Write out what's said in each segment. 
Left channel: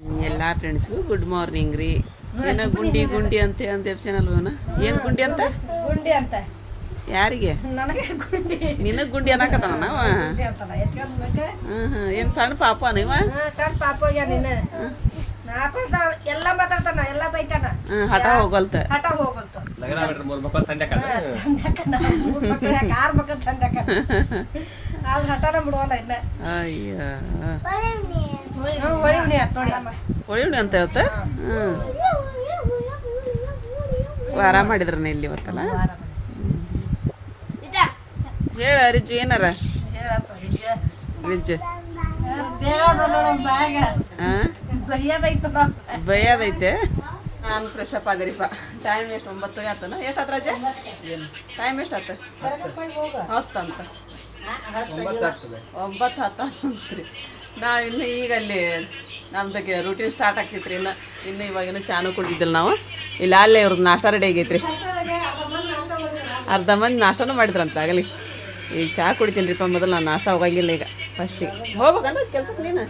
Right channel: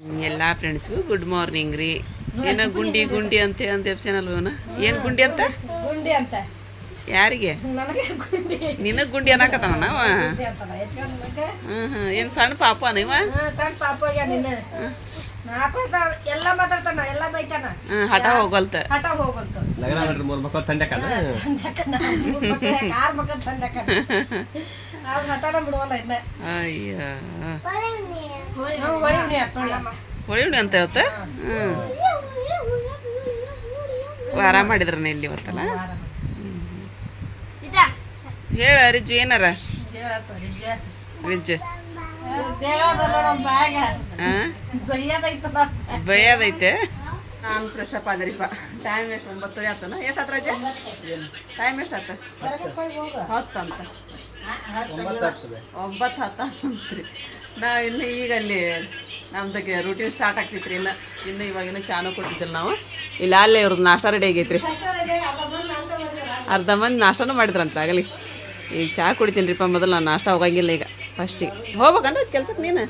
ಎಲ್ಲ ಫ್ರೆಂಡ್ಸ್ಗೂ good morning ರೀ. ಏನೋ ಗುಂಡಿ ಗುಂಡಿ ಅಂತ ಎಪ್ಸೇನಲ್ವನ ಏನು ಗುಂಡಿ ಅಂತ ಗುಂಡಿ ಅಂತ ಯಾರಿಗೆ ನಿನಗೆ ಗುಂಡಿ ಅನ್ನಕತ್ತಾನ ನಾವ. ಏನು ಸಣ್ಣ ಪಾಪ ನೀವ ಸಣ್ಣ ಪಾಪ ಎಲ್ಲ ಮಾತಾಡ್ತಾನ ಎಲ್ಲ ಬೈತಾನ. ಹಠ ಹೋಗಲ್ತ ಹಠ ಹೋಗಲ್ತ ಕಾರ್ ಮಕ್ಕಳ ತಂದಕ ಅದು ಹಠನ ಬಿಡುವಲ್ಲ ಇನ್ನ. ಅಯ್ಯ ಹೊಳಿ ಅಂತ ಇವತ್ತ ವಾರ ಮಾಡಿದ್ರನ ಇಲ್ಲಿ ಇವತ್ತಲ್ಲ. ಹೇಳ ರಿಜ್ಜು ಏನಾರ ರಿಜ್ಜು ಬೈಯದೈತೆ. ನಾನು ಫ್ರೆಶ್ ಅಪ್ ಆದ್ರಿಪ್ಪ. ಟೈಮ್ ಎಷ್ಟು 9 ಆತನ ಎಷ್ಟು ಆತ ರಜೆ ಟೈಮ್ ಎಷ್ಟು ಆತ 10 ಅಂತ 9 10 ನಾ ಇನ್ನು ಈಗ ಅಲ್ಲಿ ನಮ್ದಕ್ಕೆ ರೂಟೀನ್ ಸ್ಟಾರ್ಟ್ ಆಗ್ತೈತ್ರಿ. ಇನ್ನು ಇವಾಗಿನ ಚಾನು ಕುಡಿದಿಲ್ಲ ನಾವು ಇಲ್ಲ. ಅಲ್ಲೇ ಇವ್ರದ್ದು ನಾಷ್ಟ ರೆಡಿ ಆಗೈತ್ರಿ. ಅರ್ಧ ಮಂದಿ ನಾಷ್ಟನೂ ಮಾಡಿದ್ರಂತ ಆಗಲಿ. ಈಗ ಚಹಾ ಕುಡಿತೀನಿ ರೀಪ್ಪ. ಮೊದಲು ನಾನು ನಾಷ್ಟ ಹೋಗಂಗಿಲ್ಲ ಈಗ. ಫಸ್ಟಿಗೆ ಹೋಗ್ಬೇಕಂದ್ರೆ ಕೆಲ್ಸಕ್ಕೆ ನೀನು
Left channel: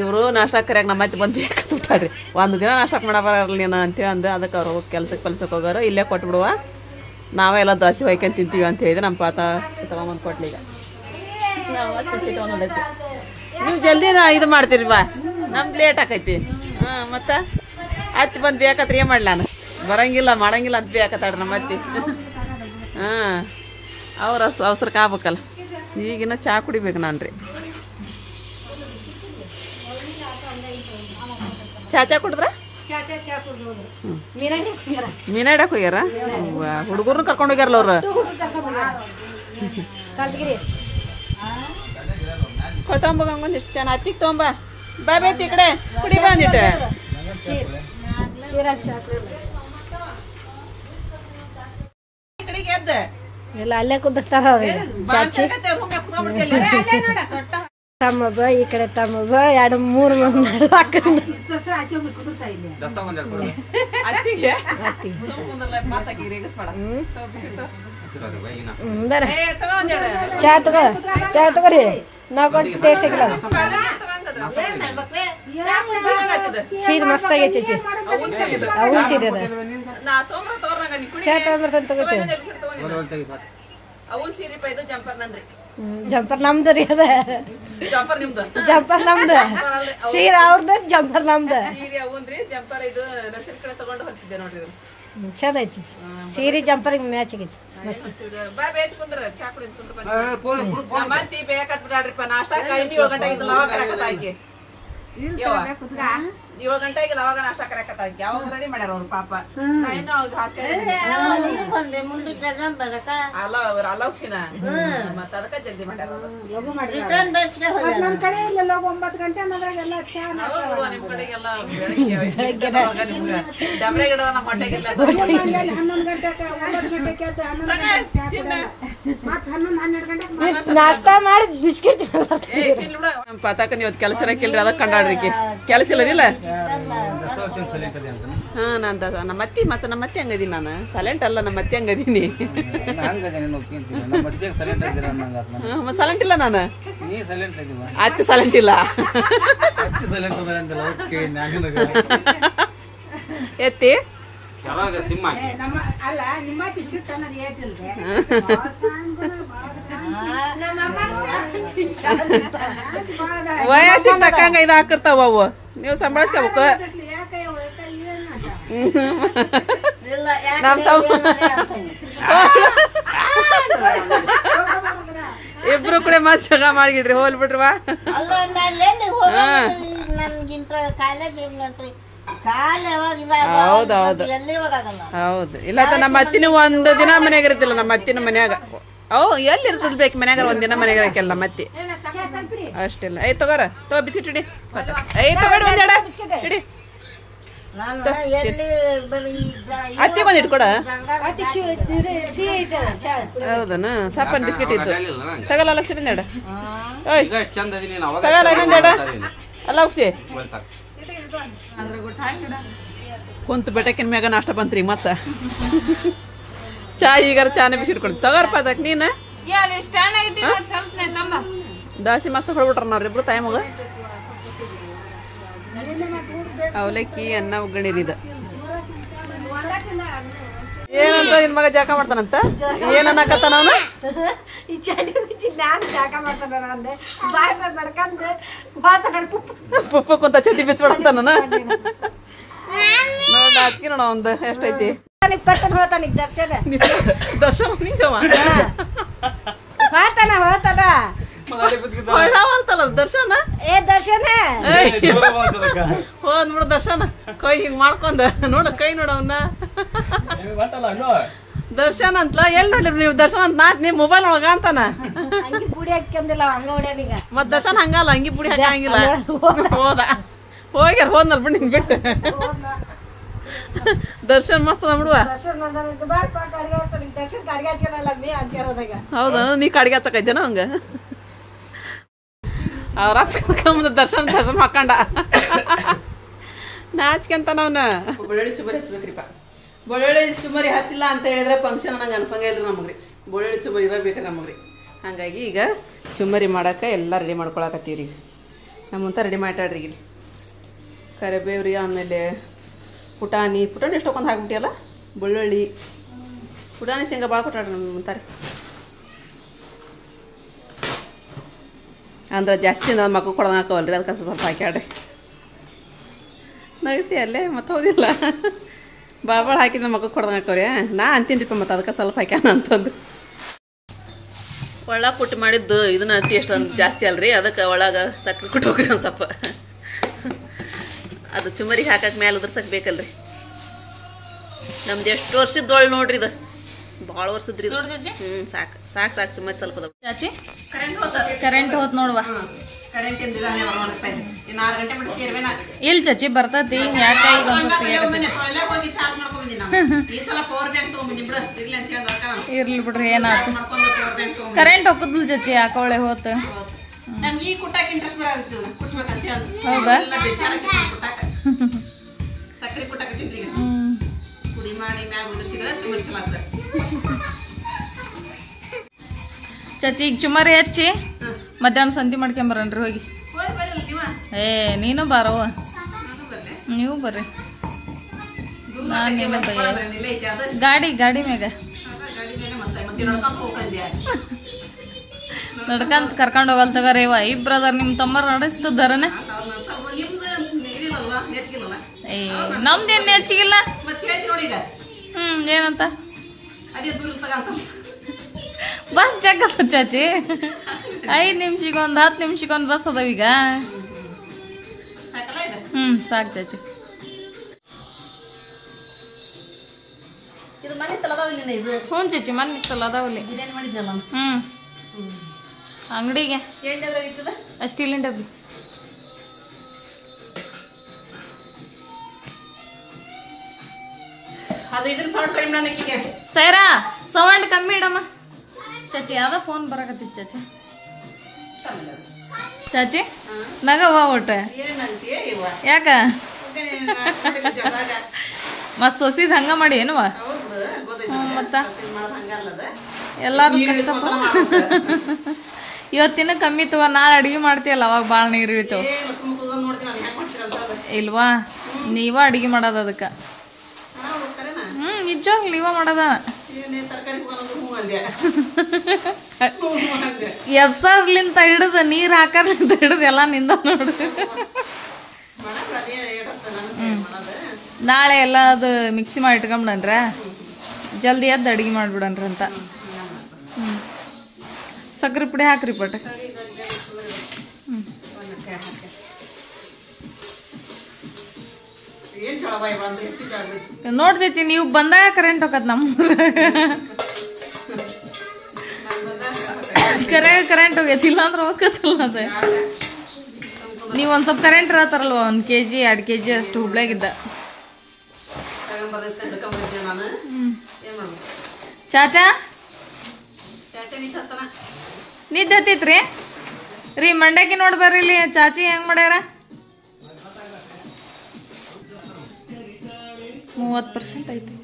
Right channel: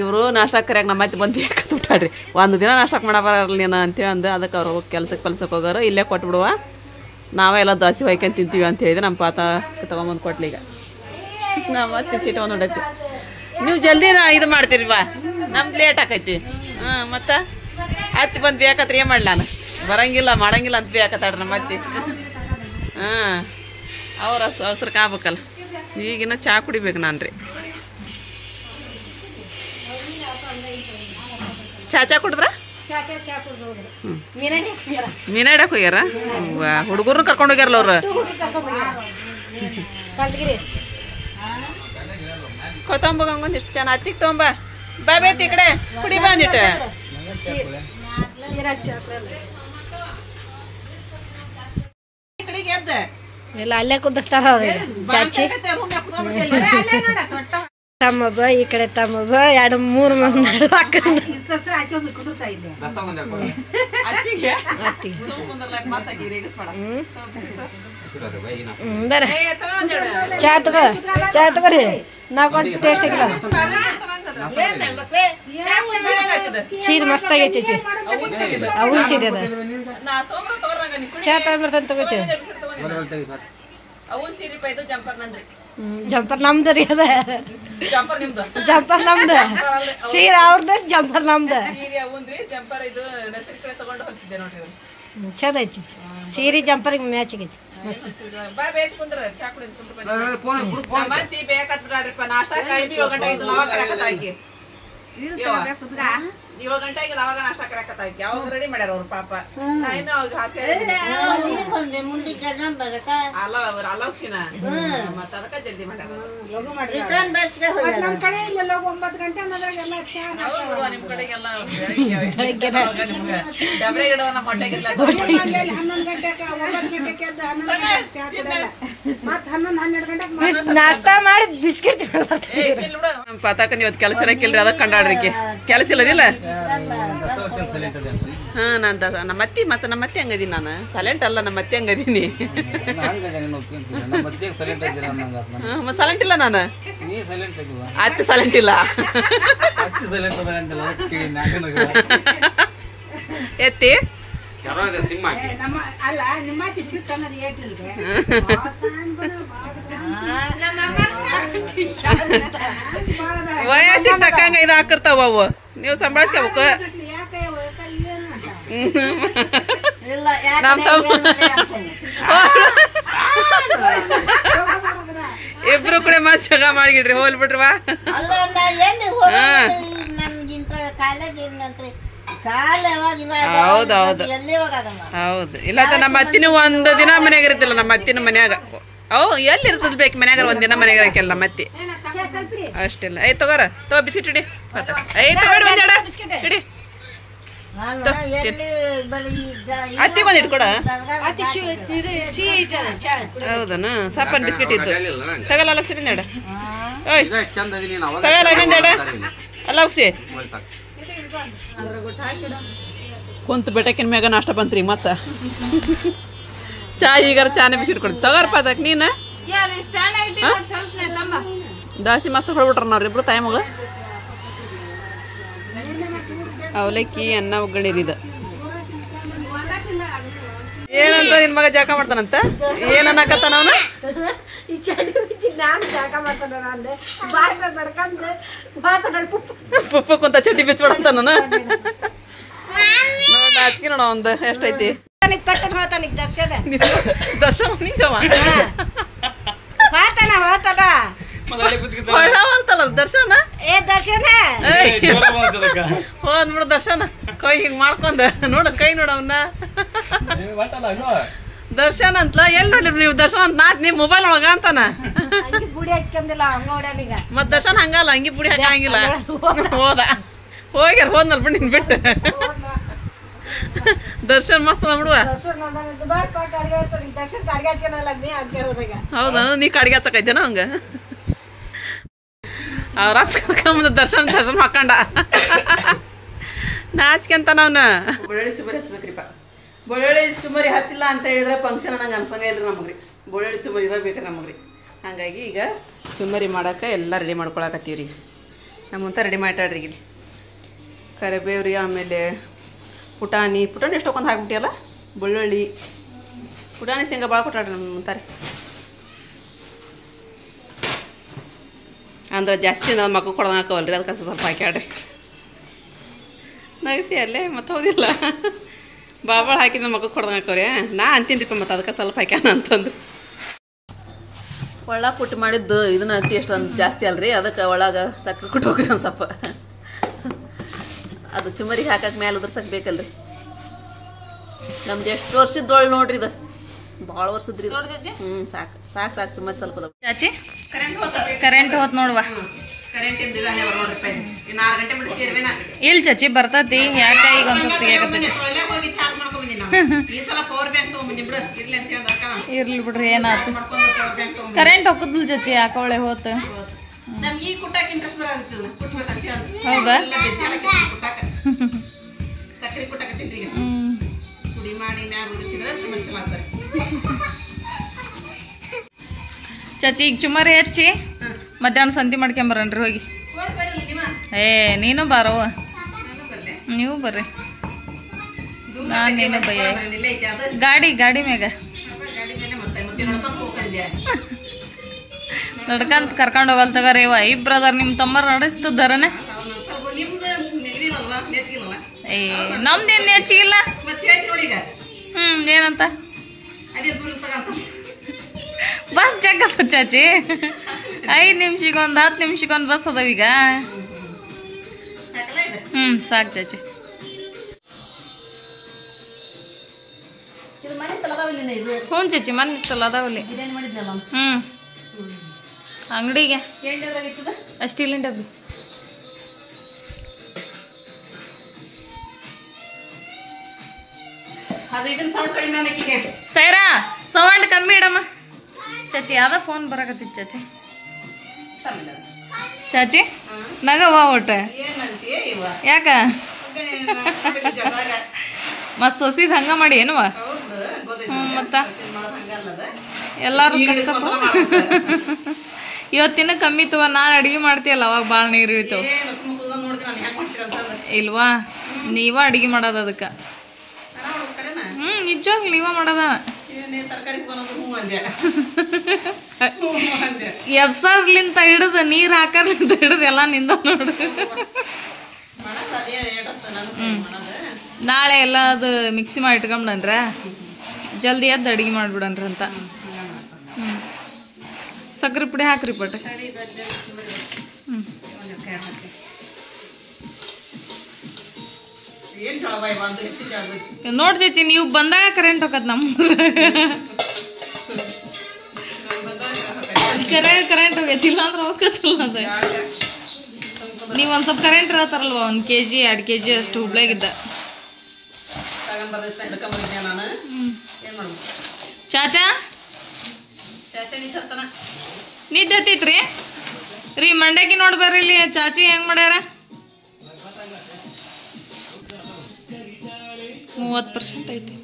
ಇವರು ನಾಷ್ಟಕ್ಕೆ ಕರಿಯಾಗ ನಮ್ಮ ಮತ್ತೆ ಬಂದು ಬೇಕಂತ ಬಿಟ್ಟಾಡ್ರಿ. ಒಂದು ದಿನ ನಾಷ್ಟಕ್ಕೆ ಮಾಡ ಬರಲ್ಲ ನೀನು ಅಂತೇಳಿ ಅಂದು ಅದಕ್ಕೆ ಅವ್ರು ಹೋಗಿ ಕೆಲ್ಸಕ್ಕೆ ಹೋಗೋರು. ಇಲ್ಲೇ ಕೊಟ್ಬಿಡುವ ನಾವೇ ಎಲ್ಲ ದೋಸೆ ಹೊಯ್ಕೊಂಡು ತಿಂತೀವಿ ಅಂತ ಹೇಳಿದ್ರೆ ನಮ್ಮ ಪಾತ ತೊಗೊಂಬಂದು ಕೊಟ್ಲಿ. ಈಗ ನಾವು ಮತ್ತೆ ಸೀಟ್ ಒಂದು ಹೊಡೈತಿ. ನೀವು ಜಲ್ದಿ ಇದು ಮಾಡ್ತೀರಿ ಬಾ, ನಮ್ದು ಲೇಟ್ ಆಕೈತಿ. ಮತ್ತು ಹತ್ತಿ ಬಂದು ಬೇಕತ್ರ ಏನು ಮಾಡಲಿ ನಾನು ಬರಂಗಿಲ್ಲ ಮಾಡಂಗಿಲ್ಲ ಅಂತ ಬೇಕತ್ತಾಡ್ರಿ ನಮ್ಮ ಅತ್ತಿ. ಅವ್ರ ಅವಸರಕ್ಕೆ ಆಗ್ಬೇಕಲ್ಲ. ಈಗಿನ ಚಹಾ ಕುಡಿಬೇಕು ನಾನು ರೀ. ಚಹಾ ಕುಡಿದ್ರ ಮೀನಾ ಇಡಕ್ಕೆ ಹೋಗ್ಯಾರ. ಹುಡುಗರ್ನ ಕರ್ಕೊಂಡು ಹೋಗ್ಯಾರಲ್ಲ ಅವ್ರು. ತೊಗೊಂಬ ಒಂದಿಷ್ಟು ಚೆನ್ನ ಹತ್ತಿಗೆ ತೊಗೊಂಬ ಬಾ ಬೇತಿ ಈ ಕಡೆ ಕುಡಿ ಬಂದಿಟ್ಟು. ಈ ಕಡೆಗೆ ಎದ್ದ ಇಲ್ಲ ಅಲ್ಲೇ ಕುದಿರ್ತಾರ ಅವ್ರಿಗೆ ಚಾಚಿ ತಮ್ಮಬ್ಬ ಈ ಕಡೆ ತಮ್ಮಬ್ಬ 2-3 ಮಂದಿ ನಡು ಬರ ಚಾ ತಗೋರಿ ನಾವ್ ಕೊಟ್ಟು ಟೇಸ್ಟ್ ಆಗಿಲ್ಲ. ಸೀರೆ ಮಸ್ತ್ ಆಗೈತಿ ಚಿ ಅವಲ್ ಸೀರೆ ಅದ. ಚಾ ತಗೊಂಡ್ಬರ್ತಾನೆ ತಗೋತಿ. ಜಂಪರ್ ನಮ್ದು ರೀ ಅದ. ಜಂಪರ್ ನಮ್ದು ಸೀರೆ ಅವ್ರದ್ದು ಜಂಪರ್ ನಮ್ದು. ಚಂದ ಐತಿ ಸೀರೆ ಜಂಪರ್ಗೆ ಮ್ಯಾಚ್ ಆಗೈತಿ. ಏಳು ಗಂಟೆಗೆ ಅವಾಗ ನಾಷ್ಟ ಕರಕತ್ತಾಕಿ ಅವಾಗ ರೆಡಿ ಮಾಡ್ಯಾರ ಅವ್ರು ಪಾಪ. ಅಲೋಕ್ಷಿನ ಮತ್ತ ಅದಕ್ಕ ಜಲ್ದಿ ಮಾಡ್ಯಾರ. ನಮ್ ಕಡೆ ಇಲ್ಲ 9 ಗಂಟೆ ನಿಮ್ ಕಡೆಗೆಲ್ಲ ಡಬ್ರೆ ಗಿಡ ನಮ್ಮ ಹೊಟ್ಟೆಗಿಲ್ಲ. 11 ಗಂಟೆಗೆ 9 ಗಂಟೆಗೆ ಎದ್ದು 11 ಗಂಟೆಗೆ ನಾಷ್ಟ ಮಾಡಿ ಬಿಸ್ಕಿಟ್ ನಮ್ಮ ಪಾತಾಕ ಇವತ್ತು ಕೆಲಸ ಇರಕ್ಕಿಲ್ರಿ. ಅದಕ್ಕೆ ಕಂಡಾಡ್ರಿಕಿ ಕೆಲಸ ಇಲ್ಲದಿಲ್ಲ. ನಮ್ಮ ಅತ್ತಿ ಮತ್ತೆ ನಮ್ಮ ಅತ್ತಿ ಹಂಗದೀನಿ ನಾನು. ಸೈಲೆಂಟ್ ಅಲ್ಲ ನಮ್ಮ ಅತ್ತಿ ಹಂಗದೀನಿ. ಸೈಲೆಂಟ್ ಇಲ್ಲ ನಾನು. ಅತ್ತಿ ಸೈಲೆಂಟ್ ಇಲ್ಲ. ಎತ್ತಿ ವಯಸ್ಸಿಗೆ ತಕ್ಕಂಗ ಇದು ಹಾಕಿರ್ತಾವ ಅವು. ನೀವು ಸಂಭಾಳಿಸ್ಕೋಬೇಕು. ನಮ್ ಇಬ್ರು ಕೂಡ ಮತ್ ಜಗ ಮಾಡಿಗಿಡ್ರಿ ಹೋಲ್ಬಿಟ್ರವಾ. ಹೌದೌದು ಹೌದು. ಇಲ್ಲ ನಮ್ಮ ಅತ್ತಿನ ಒಂದು ದಿನ ಮನ್ಯಾಗ ಇರ್ತಿಲ್ಲ. ನಮ್ಮ ಅತ್ತಿನ ಮನ್ಯಾಗ ಎಲ್ಲಿ ಇರ್ತದ ಬೇಕು ಮನ್ಯಾಗ ಒಂದಿನ ಮನ್ಯಾಗ ಇರಕ್ಕೆಲ್ಲ ನಮ್ಮ ಅತ್ತಿ ಅಷ್ಟಿಲ್ಲ. ತಗೋರ ತಗೋ ಬಿಸ್ಕಿಟ್ ಇಡಿ. ತಗೋಡಿ ಒಂದೆಡ ಇಡಿ. ಅತ್ತಿ ಬಂದು ಇಟ್ಕೊಡ. ಹೌದನ ಸಪ್ಪನ್ ಬಿಸ್ಕಿಟ್ ಇತ್ತು ತಗಲ್ಲ ಲಕ್ಷದಿಂದ ಎಡ. ತಗಲ್ಲ ಇನ್ನೊಂದು ಎಡ ಅಲ್ಲ ಹೋಗ್ಸಿ ಕುಂತ ಬೆಟಕಿನ ಮ್ಯಾಗ ನಾಷ್ಟ ಬಂತ್ರಿ. ಮತ್ತ ಚಾ ಈಗಾರ ಚಾನೆ ಬಿಸ್ಕಿಟ್ ಕೊಡ್ತಿ ತಗೋರಪ್ಪ. ಅದಕ್ಕೆ ನೀನು ದಾಸಿ ಮಸ್ತ್ ಹೊಡ್ಬಿಟ್ರ ನೋಡ್ರಿ ಇಬ್ರು ತಾಯಿ ಮಗಳು. ಅವಲಕ್ಕಿ ಅನ್ನ ಒಗ್ಗರಣೆ ಇದು ಏನಂತ ನಿನ್ ಮಗ ಜಾಕ ಮಾಡ್ತಾನಂತ ಏನ್ ಅನ್ನಕತ್ತಾನ ಅವನು ಈ ಚಡಿ ಬಿಚ್ಚಿ ನಾನು ಜಾಗ ಮಾಡ್ತಾನೆ ಅಂದೆ ಬಾಯ್ ಬಾಯ್ ಬಡ್ಕಂದು ಮಾತಾಡ ಪುಪ್ಪ ಕುಂತ ಚಡ್ಡಿ ಬಿಚ್ಚಿಬಿಡಂತ ನಾನು ನೋಡ ಆಚಿಕೆ ನೋಡ ಒಂದು ಎಷ್ಟೈತಿ ಕಟ್ಟನ್ ಹೋತಾನಿಗೆ ದರ್ಶನ ದರ್ಶನ ನೀಗವ ಹೋತಾನ ಹೊಳ್ಳಾವಲ್ತಲ್ಲ ದರ್ಶನ ಏ ದರ್ಶನ ಹೋದ್ ನೋಡು ದರ್ಶನ ಕೈ ಹಿಂಗ್ ಮಾಡ್ಕೊಂಡ ನೋಡ ಕೈ ನೋಡ ಅವನ್ನ ದರ್ಶನ ಅಂತಲ ಎಲ್ಲಿ ನೋಡ್ಲಿ ನೀವು ದರ್ಶನ ಅಂತ ನಾತ್ ನಿಮ್ ಮೊಬೈಲ್ ಒಳಗ ಅಂತಾನ ಬುಡಿ ಹಾಕ್ಯಂದಿಲ್ಲ ಹಂಗ ಹೊಡ್ಯಾನೀಗ ಮತ್ ದರ್ಶನ ಹಂಗಲ್ಲ ಹಂಗಿ ಬುಡಿ ಹಾಕಂಗಿಲ್ಲ ಹೋದ ಹೋಗ್ಯಾರ ಹೋದ್ನಲ್ ಬಿಡ್ ನಿನ್ ಬಿಟ್ಟು ದರ್ಶನ್ ಮಸ್ತ್ ಬಿಡುವ ಹೌದಾ ನೀ ಕಡ್ಗೆ ಹಚ್ಚಕೈತೇನ ಹಂಗ ಅವ್ರ ಕರ್ಕೊಂಬಂದ ದರ್ಶನ್ ಹಾಕೊಂಡ ನಾಚ್ಕೆಂತ ನಾವ್ನ ಬೆಳ್ಳುಳ್ಳಿ ಚುಮರಿ ಹಚ್ಬೇಕ್ರಿಪ್ಪ ಬೆಳ್ಳುಳ್ಳಿ ಚುಮರಿ ಹಚ್ಚಿಲ್ಲ ಅಂತ ಹೇಳಿದ್ರೆ ಫಂಕ್ಷನ್ ನಂಗೆ ಅನ್ಸಂಗ ಇಲ್ರಿ ನಮಗ್ರಿ ಬೆಳ್ಳುಳ್ಳಿ ಚುಮರಿ ಇರಬೇಕ್ರಿ ನಮಗ್ರಿ ಹಂಗಾಗಿ ಈಗ ಚುಮರಿ ಮಾಡಕ್ಕೆ ಎಲ್ಲ ರೆಡಿ ಮಾಡ್ಕೊಳಕತ್ತೀವ್ರಿ ನಮ್ಮಂತ ರೆಡಿ ಮಾಡ್ಯಾಡ್ರಿ ಇಲ್ಲಿ ಕರಿಬೇವ್ರಿ ಆಮೇಲೆ ಪುಟಾಣಿ ಎಷ್ಟೊಂದು ಹಾಕ್ಬಿಟ್ಟಿಯಲ್ಲ ಬೆಳ್ಳುಳ್ಳಿ ಪುಟಾಣಿ ಶೇಂಗಾ ಭಾಳ ಕೊಟ್ಟಾಡ್ರಿ ನಮ್ಮ ಮುಂತಾರೆ ಅಂದ್ರೆ ಜಾಸ್ತಿ ನನ್ನ ಮಕ್ಕಳು ಕೊಡೋದು ಹಾಕವಲ್ರಿ ಅದಕ್ಕೆ ಸ್ವಲ್ಪ ಹಾಕ್ಯಾಡ್ರಿ ನಗತಿ ಅಲ್ಲೇ ಮತ್ತೆ ಹೌದಿಲ್ಲ ಭಾಳ ಹಾಕಿದ ಮಕ್ಕಳು ಕೊಡೋದು ಹಾಕವ್ರಿ ನಾ ಅಂತೀನಿಪ್ಪ ಮತ್ತು ಅದಕ್ಕೆ ಸ್ವಲ್ಪ ಹಾಕ್ಯಾನ ಅಂತಂದ್ರೆ ಒಳಗೆ ಕುಟ್ಟು ಮಾಡಿದ್ದು ಇದನ್ನ ಟೇಸ್ಟ್ ಒಂದು ಜಾಸ್ತಿ ಅಲ್ರಿ ಅದಕ್ಕೆ ಒಳಗೆ ಸಕ್ಕರೆ ಕುಟ್ಟು ಹೋಗ್ರಿ ಒಂದು ಸ್ವಲ್ಪ ಅದು ಚುಮರಿಗೆ ಹಾಕಕ್ಕೆ ಮ್ಯಾಲೆ ಉದ್ರಸಕ್ಕೆ ಬೇಕಲ್ರಿ ನಮ್ದು ಎಷ್ಟು ವರ್ಷದ ನೋಡ್ರಿ ಇದು ಭಾಳ ವರ್ಷದ್ರಿ ಸಾಕು ಸಾಕು ಸಾಕು ಚುಮರಿ ಸ್ವಲ್ಪ ಚಾಚಿ ಕರೆಂಟ್ ಹೋತ್ ನೋಡುವ ಕರೆಂಟ್ ಇನ್ನು 6 ಗಂಟೆ ಮಾಡಿ ಸೇರ್ವೇನಾ ಇಲ್ ಚಾಚಿ ಬರ್ತತಿ ಯಾಕ ಈಗ ಒಂದ್ ಸ್ವಲ್ಪ ಹೋಗಿ ಚಾರ್ಜ್ ಮಾಡ್ಕೊಂಡ್ಬಂದಿನಿ ಈ ಸಲ ಪವರ್ ಬ್ಯಾಂಕ್ ತಗೊಂಡ್ಬಂದಿ ಬಿಡು ಇರ್ಲಿ ಅಂತ ಹೇಳಿ ಇರ್ಲಿ ಬಿಡ್ರಿ ಏನಾತ ಪವರ್ ಬ್ಯಾಂಕ್ ತಗೊಂಡ್ ಕರೆಂಟ್ ಹೋಗುದಿಲ್ಲ ಚಾಚಿ ಯಾಕವಳೆ ಹೋತ ನಮ್ಗೆ ಈ ಕುಟ್ಟಾಕ ಇಂಟ್ರೆಸ್ಟ್ ಬರೋದಿಲ್ಲ ಕುಟ್ಬೇಕಂತ ಹೇಳಿ ಹೌದಾ ಬೆಜ್ಜಾರಕ್ಕೆ ಕುಟ್ಟಾಕ ಸಕ್ಕರೆ ಕುಟ್ಟಾಕತ್ತೀನಿ ಈಗ ಪುಡಿ ಮಾಡಿ ಮ್ಯಾಗ ಉದುರಿಸಿದ್ರೆ ಚುಮರಿ ಚಲೋ ಆಗ್ತಾರೆ ಚಾಚಿ ಈಗ ಚುಮರಿ ಹಚ್ಚಿ ಮಧ್ಯಾಹ್ನ ಸಂತಿ ಮಾಡ್ಕೊಂಬರನ್ರಿ ಹೋಗಿ ಏ ನೀನು ಬಾರವ್ವ ನೀವು ಬರ್ರಿ ನಾನೇನು ಭಯ ಗಾಡಿ ಮ್ಯಾಗ ನಡ್ಕಂತ ಕರ್ಕೊಂಡು ಹೋಗಲ್ ತಗರೇವ ಇಬ್ರದರ್ ನಿಮ್ ತಮ್ಮರ್ ನಡೆಸ್ತದಾರನೆ ಏ ನಮ್ದೇನ್ ಹೆಚ್ಚಿಗಿಲ್ಲ ಏನಂತ ಬಸ್ ಜಗ್ಗತ್ತ ಚಾಚಿ 5 ನಿಮಿಷಕ್ಕೊಂದು 10 ನಿಮಿಷಕ್ಕೊಂದು ಬಸ್ ಅದಾವ ಈಗ ಸಾಕು ಚಾಚಿ ಹ್ಞೂ ಚಾಚಿ ಮನೆ ಇತ್ತಲ್ಲ ಅದಾವಲ್ಲಿ ಅಂಗಡಿಗೆ ಸ್ಟೀಲಿನ ಡಬ್ಬಿ ಸೈರಾ ಸೌಂಡ್ ಕಮ್ಮಿ ಇಡಮ್ಮ ಚಾಚಿ ಯಾವ್ದ ಫೋನ್ ಬರಕತ್ತಿತ್ತು ಚಾಚಿ ಚಾಚಿ ನಗವ ಒಟ್ಟ ಯಾಕ ಮತ್ ಸೊಸಿದ್ ಹಂಗ ಮಾಡಿ ಏನವ ಮತ್ತ ಎಲ್ಲಾರು ಕಷ್ಟ ಇವತ್ತಿನ ಕಮ್ಮಿ ತವ ನಾಳೆ ಅಡಿಗೆ ಮಾಡ್ತೀಯಲ್ಲ ಅವಾಗ ಬಾಳ ನೀರು ಇಳಿತಾವ ಇಲ್ವಾ ನೀವ ಅಡಿಗೆ ಮಾಡೋದ ಅದಕ್ಕ ನಿಜವಾಗ್ಲಿ ನೀವ ಮಾಡೋದ ಎಬ್ಸರ್ಲಿಂತ ಹಿಡಿದು ನೀರ್ ಹಾಕರ್ಲಿಂತ ಹಿಡಿದು ಎಲ್ಲಾ ನಿಂದ ನೋಡು ನಾಳೆ ಎಲ್ಲ ಅದು ಮಿಕ್ಸಿ ಮಾಡಿ ಇಟ್ಕೊಂಡ್ಬಿಡನ್ರ ಜಲ್ದಿ ಎದ್ದು ಅಡಿಗೆ ಮಾಡ್ಬಿಡನ್ರ ಅಂತ ಸಕ್ಕರೆ ಪುಡಿ ಹಾಕ್ರಿ ಪಟ್ ನೋಡ್ ಚೇಚಿ ನೀವು ಬಂದಾಗ ಕರೆಂಟ್ ಹೋಗತ್ ನಮ್ಮೂರ ಕರೆಂಟ್ ಹೋಗತ್ತಿಲ್ಲ ಅಂದ್ರೆ ಹೋಗತ್ತಲ್ಲ ಅದ ನೀವ್ ಒಂದ್ ಸ್ವಲ್ಪ ಕರೆಂಟ್ ಇರತ್ತಾರಲ್ವ 1 kg 2 kg ಅಷ್ಟು ಹುಬ್ಳ್ಯಾಗಿದ್ದ ಚಾಚಾ ನಿದ್ದೆ ಹತ್ತಿತ್ರಿ ರೀ ಮಂಡ್ಯಕ್ಕೆ ನೋಡ್ ಬರ್ರಿ ಇಲ್ಲಿ ಚಾಚಿ ಹೆಂಗ್ ಮಾಡ್ಯಾರ 30% ಐತಿ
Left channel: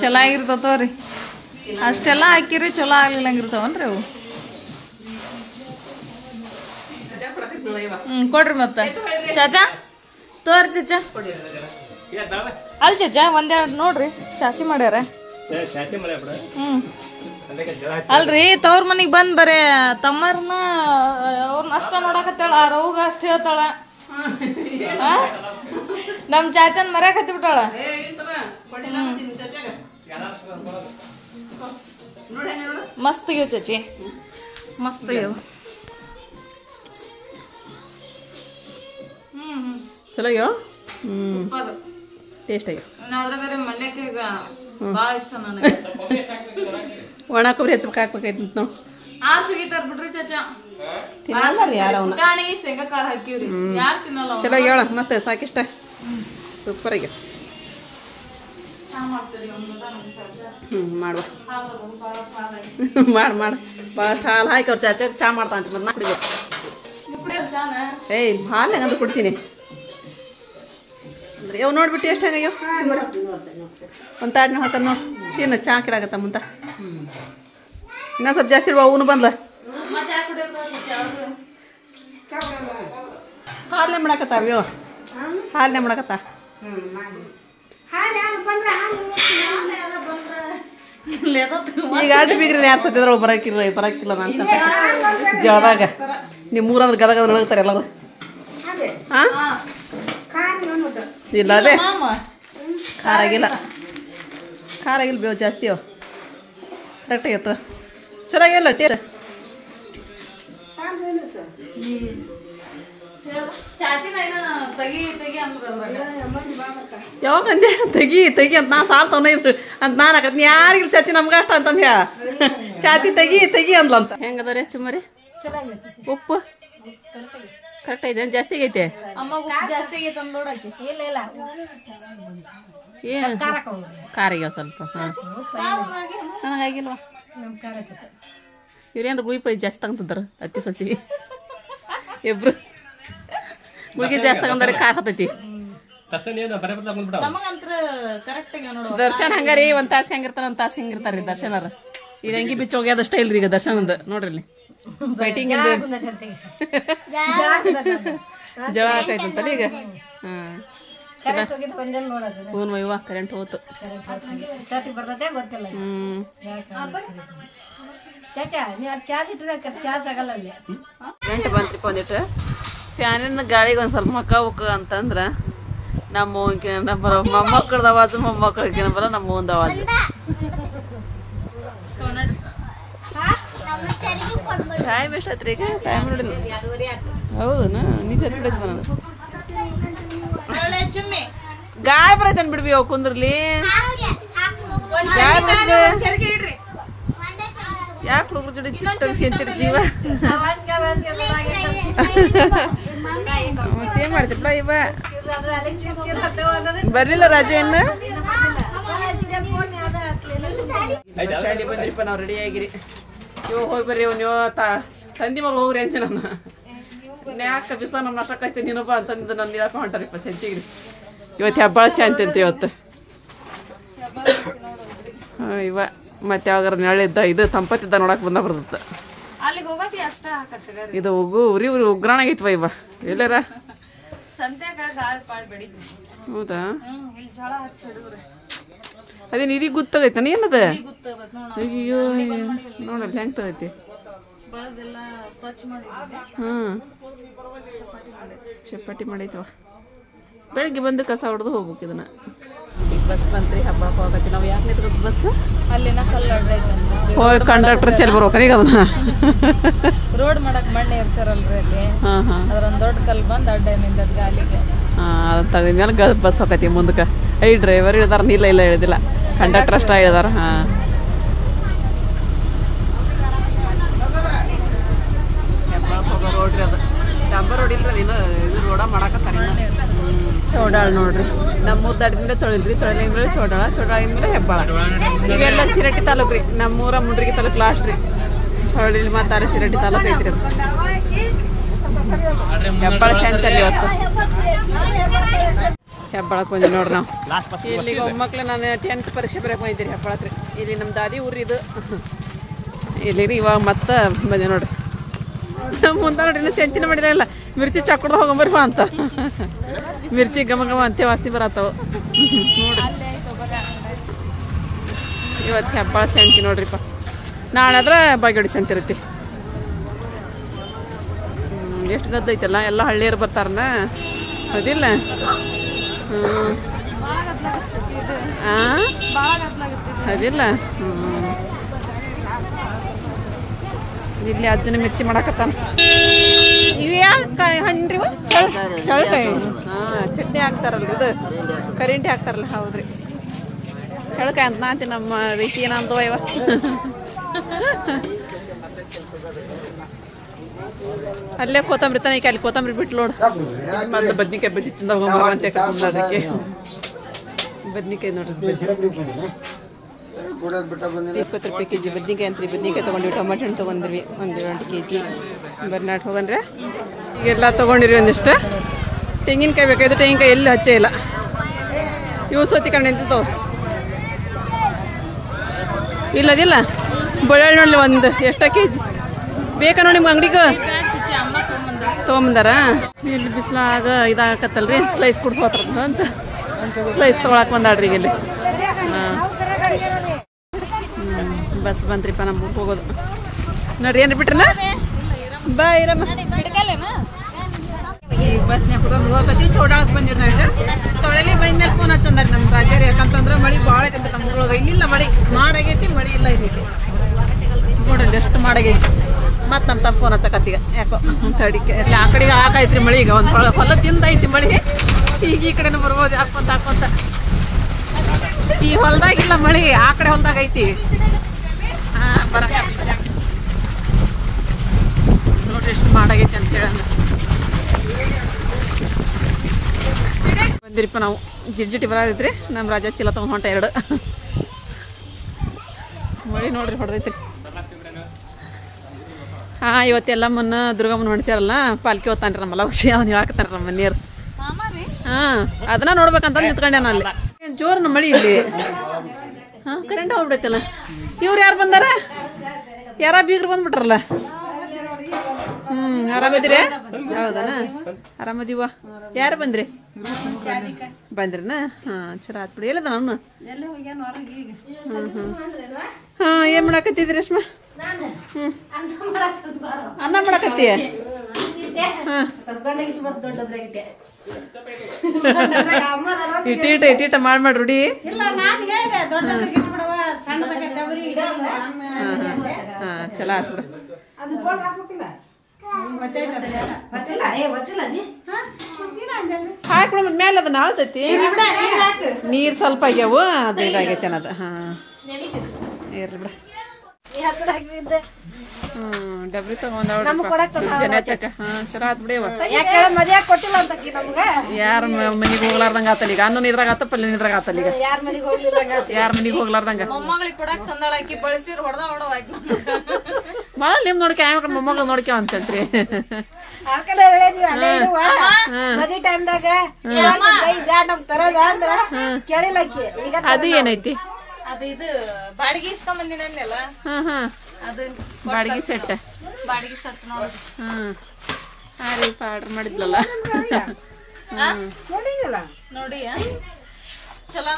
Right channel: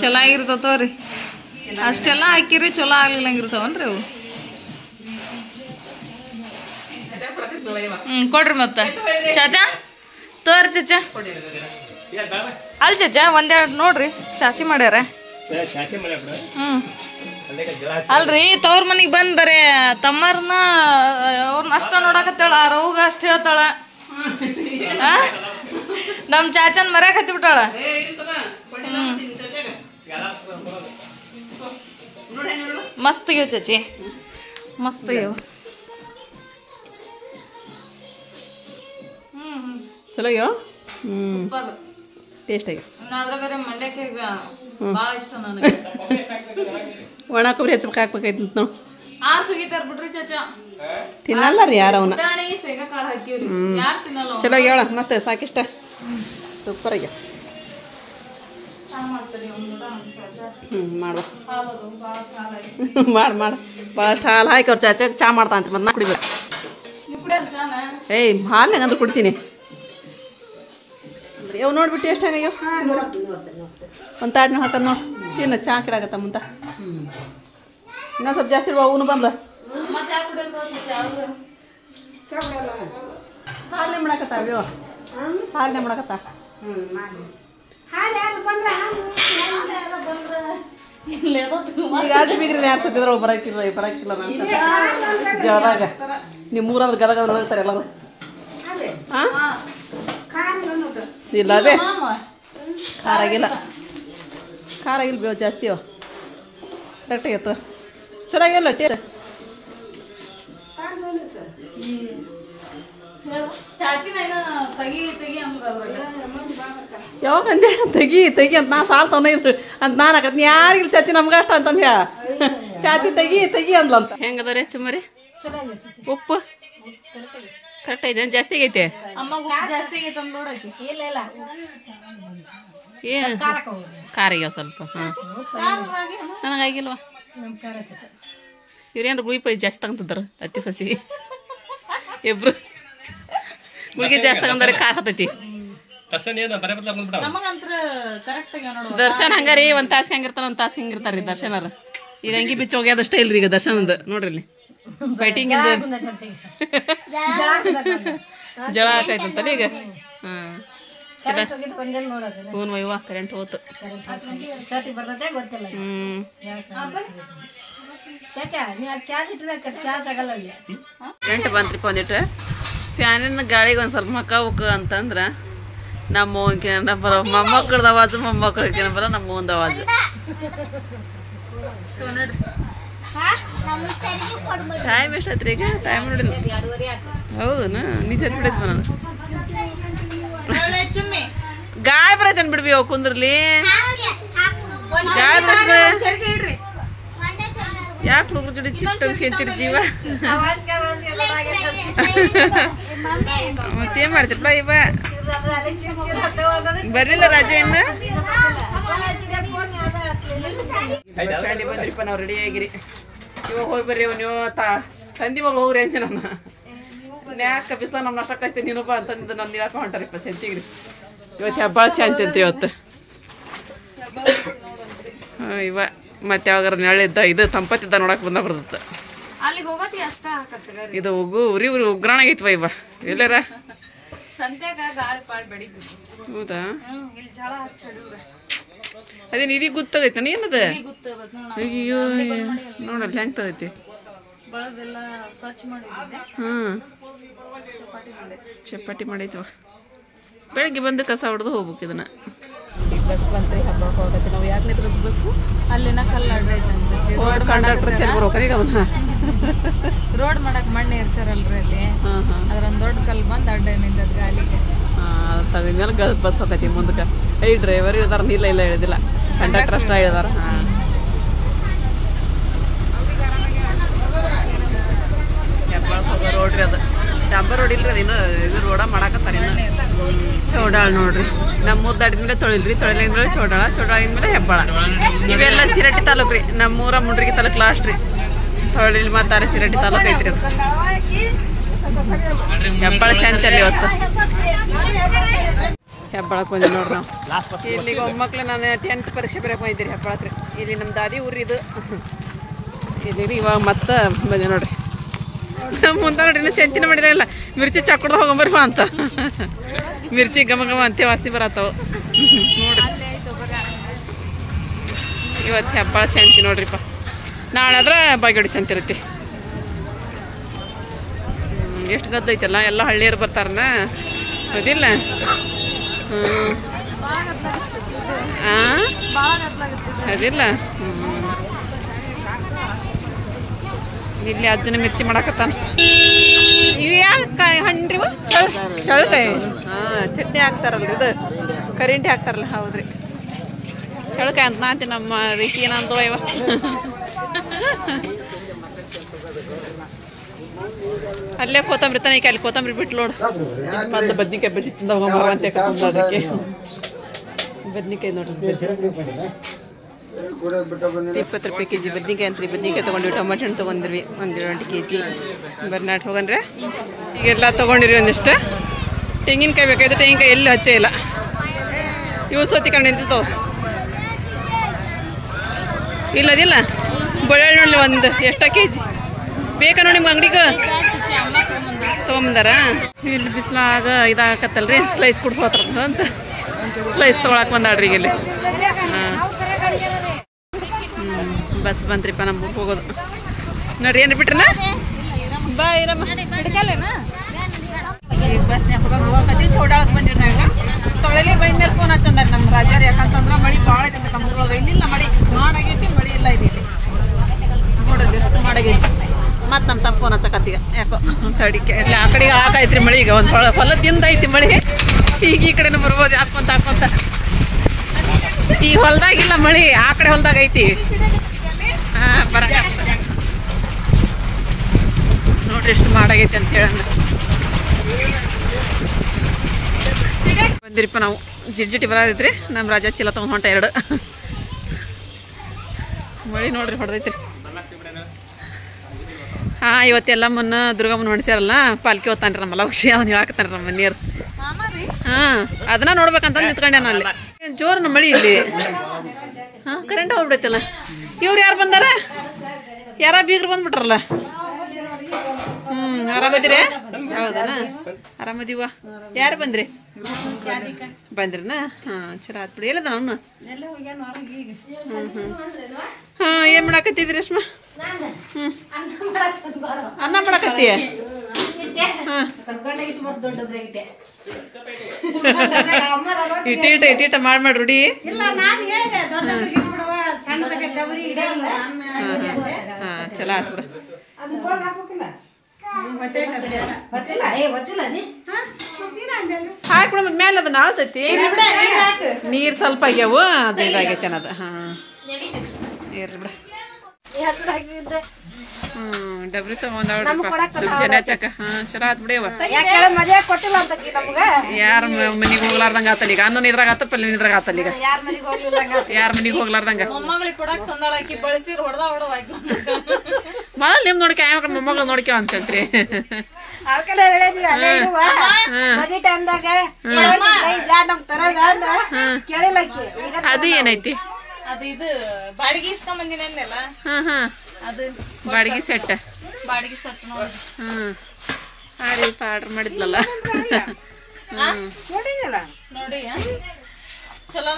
ಚಲೋ ಆಗಿರ್ತಾವ ತೋರಿ ಅಷ್ಟೆಲ್ಲ ಹಾಕಿರಿ ಚಲೋ ಆಗ್ಲಿಲ್ಲಂಗಿರ್ತಾವನ್ರಿ ಅವು ಕೊಡ್ರಿ ಮತ್ತ ಚಾಚಾ ತೋರಿ ಚಾಚಾ ಅಲ್ ಚಾಚಾ ಒಂದೆರಡು ನೋಡ್ರಿ ಚಾಚಿ ಮಾಡ್ಯಾರ ಅಲ್ರಿ ತವ್ರ ಮನಿಗ್ ಬಂದ್ ಬರೇ ತಮ್ಮರ್ನ ಅವ್ರನ್ನ ಅಷ್ಟ ನೋಡಕತ್ತಾಳ ರೌಗ ಅಷ್ಟ ಹೇಳ್ತಾಳ ನಮ್ ಚಾಚನ್ ಮರ್ಯಾಕ್ ಹತ್ತಿ ಬಿಟ್ಟಾಳ ಮಸ್ತ್ ಆಗ್ಯಾವ ಚಾಚಿ ಮಸ್ತ್ ಆಗ್ಯಾವ ಚಲೋ ಆಗ್ಯಾವ ಟೇಸ್ಟ್ ಆಗ್ಯಾವ ಅದ್ರ ಬೇರೆ ಮಂಡ್ಯಕ್ಕೆ ಈಗ ಭಾಳ ಇಷ್ಟ ನನಗೆ ಒಣ ಕೊಬ್ಬರಿ ಹೆಚ್ಚಬೇಕು ಹಾಕ್ಬೇಕಾಯ್ತು ನಾವು ಸುಗಿತಾರ ಬಿಡ್ರಿ ಚಾಚಾ ತಿನ್ನಲ್ಲ ರೀ ಯಾರು ಅವನ್ನ ಪುಟಾಣಿ ಶೇಂಗಾಕಾರ ಹಾಕಿವ್ರಿ ಯಾರು ತಿನ್ನಲ್ಲ ಚಲೋ ಆಗ್ಯಾವ ಮಸ್ತ್ ಸಾಕಿಷ್ಟ ಸೂಪರ್ ಆಗ್ಯಾವ ಮಾಡುವ ಮಾಡು ಭಾಳಷ್ಟು ಹಾಲು ಹಾಕಿ ಅವ್ರು ಚಾಚಾಗ ಚಾ ಮಾಡ್ತಾ ಅಂತ ಮತ್ತೆ ನಾ ಕುಡಿಬೇಕು ಏಯ್ ಹಾಲು ಹಂಗಂದ್ರೆ ಕುಡ್ತೀನಿ ಅಂದ್ರೆ ಯಾವ ನೋಡ್ಬಿಟ್ಟು ಎಷ್ಟು ಹೆಂಗಾಗ್ಯಾವ ಒಂದು ತಾಡ್ನ ಹಾಕೋದು ನೋಡಿ ತಿನ್ನ ಚಾ ಕಿಡಾಗತ್ತ ಮುಂತ ಇನ್ನೂ ಸ್ವಲ್ಪ ಜಾಸ್ತಿ ಇಡುವ ಅವನು ಬಂದ್ಲ ಹಾಲೇ ಮಾಡಕತ್ತಾವ್ಯೋ ಹಾಲೇ ಮಾಡಕತ್ತ ಈಗ ಆಟ ಬೀಗ್ರಿ ಯಾರು ಸತ್ತಿದ್ರ ಬರಕಿಲ್ಲ ಅಂತ ಜವಾಗ ನೀವು ಮೂರಾದ್ರೆ ಗದಗ ನಡಗ್ತಾರೆ ಎಲ್ಲರೂ ಹಾಂ ಇಲ್ಲ ಅದೇ ಖಾರ ಆಗಿಲ್ಲ ಬೇವು ಜಾಸ್ತಿ ಅವ ಕರೆಕ್ಟ್ ಆಗೈತ ಚೆನ್ನಾಗಿಲ್ಲ ಟೇಸ್ಟ್ ಯಾವಾಗ ಅಂದೆ ತೆಗಿ ಅಂತ ನಾ ಸಾಲ್ ತಗೊಂಡ ಅಂತ ನಾನು ಹಾಕತ್ನಿ ಯಾರಿಗಿಲ್ಲ ಚಾಚಿ ನಮ್ಗೆ ಅಷ್ಟ ಅಂತಂದು ಹೇಳ ಚಾಚಿ ತೆಗಿ ಅಂದ್ಲಂತ ಹೆಂಗದ ಚುಮ್ಮರಿ ಉಪ್ಪು ಕರೆಕ್ಟ್ ಐತೆ ಜಾಸ್ತಿ ಆಗೈತೆ ಏನು ಖಾರ ಆಗ್ಯಾವ ಸ್ವಲ್ಪ ಹಾಂ ನನಗಾಗಿಲ್ವಾ ಇವ್ರೇನ್ರ ಗುಳಿ ಪೈ ಜಾಸ್ತಿ ತಗೊಂತಿದ್ದಾರ ಅತ್ತಿ ಸೊಸಿ ಇಬ್ರು ಗುಳಿಗೆ ಜಾಸ್ತಿ ತಗೊಂಡ್ರೆ ಖಾರ ಹತ್ತೈತಿ ದರ್ಶನ್ ಹಂಗಾರಿ ಒಂದ್ ತಾಸ್ ಹೆಂಗಿರ್ತಾರ ಒಂದ್ ತಾಸ್ ಹೆಂಗಿರ್ತಾರ್ರಿ ದರ್ಶನರ ಈಗ ಹಂಗಿ ಬಿಚ್ಚ ಹೋಗ್ಯದ ಅಷ್ಟೇ ಇಲ್ರಿ ಈಗ ದರ್ಶನದ ನೋಡ್ರಿ ಇಲ್ಲಿ ಫೈಟಿಂಗ್ ಇಂದ ಜಳ ಹಾಕೈತಂತಲ್ಲ ಈಗ ಹ್ಮ್ ಹ್ಞೂ ಇವ ಕರೆಂಟ್ ಹೋತು ಕರೆಂಟ್ ಬಂತ್ರಿಪ್ಪ ಒಂದಿಟ್ಟು ಫ್ಯಾನಿನ ಗಾಳಿಗೆ ಒಂದ್ ಸ್ವಲ್ಪ ಮಕ್ಕ ಹೋಗ ಅಂತಂದ್ರ ನಮ್ಮ ಮೊಮ್ಮಕ್ಕಳದ ಅವಾಜು ಮೊಮ್ಮಕ್ಕಳಿಗೆ ಬರ ನಮ್ಮ ಒಂದು ಅವಾಜು ಟೈಮ್ ಎಷ್ಟಾಯ್ತ್ರಿ ಈಗ ಟೈಮ್ ನೋಡಿಲ್ಲ ಹೌದನಾ ನಿಂತ ಬಿಡೈತಿ ನಾನು ಗಾಳಿ ಬರೈತೇನ್ ಬಿಡ್ವಿ ಅವ್ ಕುಂದ್ರಲಿ ಗಾಳಿ ಬರೈತಿ ಯಾಕೆ ಹುಡುಗ್ರ ಜೋಡಿ ಚಿಟ್ಟಾಗಿ ಸೇಂತೀರಿ ಜೀವ ಮತ್ತೇನ್ ಮಾಡ್ತಿರ್ಲ ಇವ ಬರ್ಲಿಲ್ಲ ರಾಜ ಇನ್ನು ಶಾಡಿ ಬಂದ್ರಿಪ್ಪ ನಾವು ರೆಡಿ ಆಗಿರಿ ಇವಾಗ ಹೋಗಿ ಬರ್ರಿ ನೀವು ತಂದಿ ಮಗಳು ಹೋಗ್ರಿ ಅಂತ ನನ್ನ ಯಾಕೆ ಬಿಸ್ಲ ನಮ್ಮ ನಾಷ್ಟ ಕಾಯ್ತೀನಿ ನೀನೊಬ್ಬ ಅಂತಂದು ನನ್ನ ಹೇಳಕ ಹೊಂಟಾರಿಪ್ಪ ಸಂಚಿಗ್ರಿ ಇವತ್ತು ಹಬ್ಬ ಶಾಂತಿ ಅಂತ ಇವತ್ತು ಹಾಂ ಇವ ಮತ್ತೆ ಯಾವಾಗಾರ ನೆಳಿದ್ದ ಇದು ತಂಪತ್ತಿದ್ದ ನೋಡಕ್ ಬಂದ ಬರ್ತದ ಇದು ಉರಿ ಉಗ್ರಾಣ ಆಗೈತ್ವ ಇವ ಎಲ್ಲಾರ ಹೌದಾ ಅದೇನು ಇದೀಗ ಗೊತ್ತಾಗೈತ ಏನದ ಅಯ್ಯೋ ನೋಡಲ್ಲ ಹೆಂಗ್ ತಗೈತಿ ಹ್ಮ್ ಚಪಾಟಿ ಮಾಡೈತವ ಬೆಳಗ್ಗೆ ಬಂದು ಕಸ ಹೊಡೆದು ಹೋಗ್ಬೇಕು ಇದನ್ನ ಬಸ್ ಬಂತ್ರಿ ಹಬ್ಬಕ್ಕೆ ಹೋಗತ್ತೆ ನಾವು ಯಾಕೆ ನಿಂತ್ಕೊಂಡು ಬಸ್ ಅಲ್ಲಿನ ಕಲ್ಲು ಅಡ್ಡ ಐತೆ ಹೋಗಿ ಕಂಡಕ್ಟರ್ ಚೆಲ್ ಬರ್ಬೇಕು ಈಗ ಅದನ್ನ ರೋಡ್ ಮಾಡಕ್ ಮಣ್ಣೆ ಇರ್ತಾರಲ್ರಿ ಅಲ್ಲಿ ಅದ್ರೊಂದ್ ದೊಡ್ಡ ಕಲ್ಲು ಬಂದು ಅಡ್ಡ ನಿಂತದ್ ಗಾಲಿಗೆ ಅದನ್ನ ತಗದ್ಮೇಲೆ ಬಸ್ ಹೋಗತಿ ಮುಂದಕ್ಕೆ ಐ ಡ್ರೈವರ್ ಇಳಿದಾರ ಇಲ್ಲ ಇಳಿದಿಲ್ಲ ಕಂಡಕ್ಟರ್ ಅಷ್ಟ ಇಳಿದಾರ ಹಾಂ ಹೆಬ್ಬಾಳಕ್ಕೆ ಹೋಗೋ ರೋಡ್ರಿ ಅದು ಡಾಂಬರ್ ರೋಡ್ ಇಲ್ರಿ ಅದಿನ್ನು ಇದು ರೋಡ ಮಾಡಾಕತ್ತಾರ ಇನ್ನು ಚೌಡಾಳ ನೋಡ್ರಿ ನಮ್ಮೂರ್ ದಾಟಿದ್ಮೇಲೆ ತೊಳಿಲ್ರಿ ತೊಳಿಲಿಂದ್ಮೇಲೆ ಚೌಡಾಳಿಂದ್ಮೇಲೆ ಹೆಬ್ಬಾಳ ಇವೆಲ್ಲ ಸಿರಟ್ಟಿ ತಾಲೂಕು ರೀ ನಮ್ಮೂರ ಮುಂಡ್ರಿಗಿ ತಾಲೂಕು ಲಾಸ್ಟ್ ರೀ ತೊಳಿಲ್ ಮಾತಾರೆ ಸಿರಟ್ಟಿ ತಾಲೂಕು ಐತ್ರಿ ಅದು ಹೆಬ್ಬಾಳ ಶಾಂತಿ ಅಲ್ಲಿ ಇವತ್ತು ಹೆಬ್ಬಳಕ್ಕೆ ಬಂದಿ ನೋಡ್ರಿ ನಾವು ಇಲ್ಲಿಗೆ ಒಮ್ಮಕ್ಳು ನಾನು 10th ಪರೀಕ್ಷೆ ಬರೋಕೆ ಬಂದಿದ್ದೀರಿ ಹೆಬ್ಬಳಕ್ಕೆ ಇಲ್ಲಿ ನಮ್ಮ ದಾದಿ ಊರಿದು ಇಲ್ಲಿ ಇವಾಗ ಮತ್ತೆ ಬಂದೆ ನೋಡ್ರಿ ಮುಂದೆ ನೋಡ್ರಿ ಇನ್ನೂ ಶಂತಿನ ಮಾಡಿದಾರಲ್ಲ ಮಿರ್ಚಿ ಚಾಕುಡ್ದು ಹೋಗೊಂಬರ್ಬ ಅಂತ ಮಿರ್ಚಿ ಘಮ ಘಮ ಅಂತೆ ವಾಸನೆ ಬರತ್ತವು ನೋಡ್ರಿ ಇವತ್ತು ಹೆಬ್ಬಾಳ ಶಾಂತಿ ನೋಡ್ರಿಪ್ಪ ನಾಳೆ ಆದ್ರೆ ಬಾಗೇಡಿ ಶಾಂತಿ ಇರುತ್ತೆ ಎಷ್ಟು ಗದ್ದ ಐತಲ್ಲ ಎಲ್ಲ ಹಳ್ಳಿಯರು ಬರ್ತಾರನ ಅದಿಲ್ಲ ಅದಿಲ್ಲ ಇಲ್ಲಿ ಅಜ್ಜನ ಮಿರ್ಚಿ ಮಾಡಕತ್ತಾನ ಇವು ಯಾಕೆ ಹಣ್ಣಿವ ಚಳಕಾಯಿ ಚಟ್ನಿ ಹಾಕ್ತಾರಲ್ರಿ ಇದು ಕರಿಂಟಿ ಹಾಕ್ತಾರಲ್ಲ ಹೌದ್ರಿ ಚಳಕಾಯಿ ಅಂತ ನಾಂತೀನಿ ನಮ್ಮ ರೀತಿ ಏನಂತವ ಇವ ಅಲ್ಲೇ ಕೊತ್ತಂಬರಿ ತನಕ ಅಲ್ಲಿ ಕೊತ್ತಂಬರಿ ಬಿಟ್ಟು ನೋಡು ಮೊದಲು ಬದ್ನಿಕಾಯಿ ಬಜ್ಜಿ ತಿಂದ ಹೋಗಂಬರಂತೆ ಅದಕ್ಕೆ ಬದ್ನಿಕಾಯಿ ನೋಡ್ರಿ ಬಜ್ಜಿ 20 ರೂಪಾಯಿ ಕೆಜಿ ಬದ್ನಿಕಾಯಿ ಅಂತ್ರಿ ಬದ್ನಿಕಾಯಿ ತೊಗೊಂಡ್ವಿ ಟೊಮೆಟೊ ಹಣ್ಣು ತೊಗೊಂಡ್ರಿ 1 ಕೆಜಿ ಬರ್ನಾಟ್ ಹೋಗನ್ರೆ ಈಗೆಲ್ಲ ತೊಗೊಂಡಿರಿ ಒಂದಿಷ್ಟು ತೆಂಗಿನಕಾಯಿ ಬೇಕಾಯ್ತು ತೆಂಗಿನಕಾಯಿ ಎಲ್ಲಿ ಹಚ್ಚೇ ಇಲ್ಲ ಇವು ಸೋತಿಕೊಂಡು ನಿಂತಿದ್ದವು ಇಲ್ಲದಿಲ್ಲ ಬೆಳ್ಳುಳ್ಳಿ ನೋಡ್ಲಿ ಒಂದು ಎಷ್ಟ ಕೆಜಿ ಬೇಕಾ ನೋಡಿ ನಿಮ್ಗೆ ಅಂಗಡಿಗೆ ತೊಗೊಂಬಂದಾರ ಇಲ್ಲಿ ಬಿಸಿಲಾಗ ಇದಾಗತ್ತಲ್ರಿ ಸ್ಲೈಸ್ ಕುಡ್ದು ಹೋತಾರಂತ ಅಂತ ಸ್ಲೈಸ್ ತೊಗೊಳಕ್ ಬಂದಾಡ್ರಿ ಈಗ ಇಲ್ಲಿ ಬಸ್ ಬಂತ್ರಿಪ್ಪ ನಮ್ಮ ಹೋಗೋದು ನೋಡ್ರಿ ಏನ್ರಿ ಬಿಟ್ರಲ್ಲ ಬಾಯ್ ಈಗ ಬಸ್ನ್ಯಾಗ ಕುತ್ಕೊಂಡು ಹೋಗತ್ತೀವಿ ಚೌಡಾಳಕ್ಕೆ ಬಂದಿವಿ ನಂಗೆ ತೊಳೆಲಿ ಬಂದ ಮೇಲೆ ಫೋನ್ ಹಚ್ಚಂದಾರ ನಮ್ಮ ರಾಜ್ಯಾರ ಯಾಕಂತಂದ್ರೆ ಮಳೆ ಭಾಳ ಐತೆ ನಮ್ಮ ಊರೊಳಗೆ ಇಲ್ಲಿಲ್ಲ ಮಳೆ ಮಾಡಾಗೈತಿ ಮಳೆ ಇಲ್ಲ ಇದೈತಿ ನೋಡ್ರಿ ಎಷ್ಟು ಮಾಡಾಗೈತಿ ಮತ್ತು ನಮ್ಮ ತಮ್ಮ ಫೋನ್ ಹಚ್ಚಕತ್ತೀಗ ಯಾಕೋ ತಡಿಕೆ ಇಲ್ಲ ಆ ಕಡೆಗೆ ಹಾಕಾಯ್ತ್ರಿ ಮಳೆ ಈಗ ಒಂದು ಹೊಲದಿಂದ ಐತಿ ಮಳೆ ಈಗ ಈ ಕಡೆನೂ ಬರ್ಬೋದು ಹಾಕೊಂತ ಈ ಹೊಲ್ದಾಗಿಲ್ಲ ಮಳೆ ಆ ಕಡೆ ಹೊಲ್ದಾಗ ಐತಿ ಬರಕ ನೋಡ್ರಿ ಎಷ್ಟು ಮಾಡಾಗೈತಿ ಅಂತ ಹೇಳಂದ್ರೆ ಬಂದಿರಿಪ್ಪ ನಾವು ಜಿಡ್ಜಿಟಿ ಬರೋದೈತ್ರಿ ನಮ್ಮ ರಾಜ ಚೀಲ ತೊಗೊಂಡು ಹೊಂಟ 2 ಮಳೆ ನೋಡ್ರಿ ಹೊಡೆದೈತ್ರಿ ಇವತ್ತೆಲ್ಲ ಮುನ್ನ ದುರ್ಗಮ್ಮನ ಹೊಡ್ಸ್ಯಾರಲ್ಲ ಪಾಲ್ಕಿ ಹೋಗ್ತಾನ್ರಿ ನಮ್ಮಲ್ಲ ವರ್ಷ ಅವ್ನು ಹೇಳಾಕತ್ತಾರ ನಮ್ಮ ಮನೆಯವ್ರು ಅದನ್ನ ನೋಡ್ಬೇಕಂತ ನಿಂತ್ಕೊಂಡೆ ನಾನು ಅಲ್ಲಿ ಜೋರ್ ನಮ್ಮ ಮಳಿ ಇಲ್ಲಿ ಕರೆಂಟ್ ಹೋಗ್ಬಿಡೈತಲ್ಲ ಇವ್ರು ಯಾರು ಬಂದಾರ ಯಾರ ಬೀಗ್ರು ಬಂದ್ಬಿಟ್ರಲ್ಲ ಆರಾಮದಿರ ಹೌದನ ಆರಾಮದಿವ ಯಾರು ಬಂದ್ರಿ ಬಂದ್ರಿನ ಚಲೋ ಆತ್ ಬಿಡಿ ಎಲ್ಲದ ನಾನು ಏನ್ ಮಾಡಾಕತ್ತಿದ್ರಿ ರೇಷ್ಮಾ ಅನ್ನ ಮಾಡಾಕತ್ತೀಯ ಇಟ್ಟಿಟ ಮಾಡಿ ರೂಢಿ ಚಲೋ ಆತ್ ಬಿಡ ಹಾಕ್ಬಿಡ ಮೇಲೆ ಅದನ್ನ ಆಳ್ತೈತಿ ನೀರ್ ಸ್ವಲ್ಪ ಆಗ್ಯಾವು ಅದು ಇದಾಗೈತೆ ಅನ್ನೋದು ಇರ್ರಿ ಬಿಡ ಡಬ್ರಿ ತಗೊಂಡ್ರಿ ಜನ ಚಕ್ಕ ಚಲೋ ಆತ್ ಬಿಡವ ಯಾರ ಮನಿಗ್ ಹೋಗ್ಲಾರ್ದಂಗ ಆತಲ್ಲ ಈಗ ಅನ್ನ ಇದ್ರಾಗ ಆತ ಪಲ್ಯ ಇದ್ರಾಗ ಆತಲ್ಲ ಈಗ ಯಾರ ಮನಿಗ್ ಹೋಗ್ಲಾರ್ದಂಗ ಮೊದಲ್ ನಿಮ್ ನೋಡ್ಕ ಮೊಮ್ಮಗಳು ನೋಡ್ಕೇವ ಅಂತಂತ್ರಿ ಅದು ಏನೈತಿ ಅದು ಇದು ಬಾಡಿಗೆ ಇಸ್ಕೊಂಬಂದಿನಲ್ಲ ಅದು ಬಾಡಿಗೆ ಸೆಟ್ ಬಾಡಿಗೆ ಸೆಟ್ ನೋಡಿ ರೀಪ ಆರ್ಡರ್ ಮಾಡಿದ್ಲಲ್ಲ ನೋಡಿ ಚಲೋ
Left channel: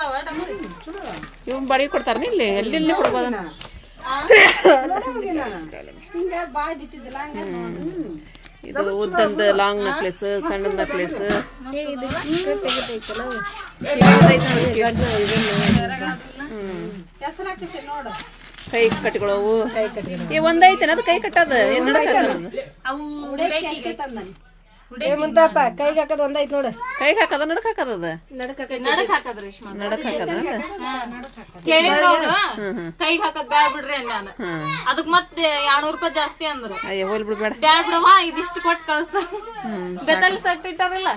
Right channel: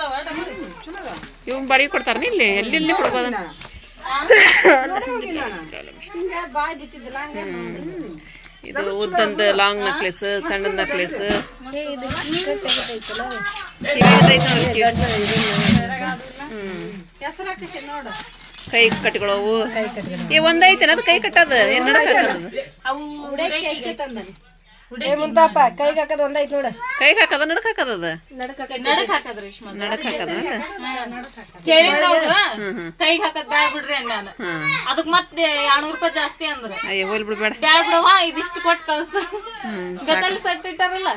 ಇವ್ ಬಾಡಿಗೆ ಕೊಡ್ತಾರ ಇಲ್ಲಿ ಎಲ್ಲಿ ಕೊಡ್ಬೋದ ಇದು ಉದ್ದಂದ ಲಾಂಗ್ ನೆಕ್ಲೆಸ್ ಸಣ್ಣ ನೆಕ್ಲೆಸ್ ಕೈ ಕಟ್ಟಿಕೊಳ್ಳವು ಒಂದೈತೇನ ಅದು ಕೈ ಕಟ್ಟದ ಏನ್ ನಡಕ ಕೈಗೆ ಹಾಕದ ಒಂದೈತ್ ನೋಡ ಕೈಗೆ ಹಾಕದ ನಡಕ್ ಹಾಕದ ನಡಕ್ ಹಾಕದ ಕೈಗೆ ಹಾಕದ್ ಬ್ಯಾಡ ಬಿಡ್ರಿ ನಾನು ಅದಕ್ ಮತ್ತೆ 200 ರೂಪಾಯಿ ಜಾಸ್ತಿ ಅಂದ್ರ ಅಯ್ಯ ಹೋಲ್ ಬಿಡ್ಬೇಡ ಬ್ಯಾಡ ಬಿಡವ ಇದಿಷ್ಟು ಕೊಟ್ಟು ಕಳ್ಸ ಬೆತ್ತಲ್ ಸೆಟ್ ಇಟ್ಟಾರಲ್ಲ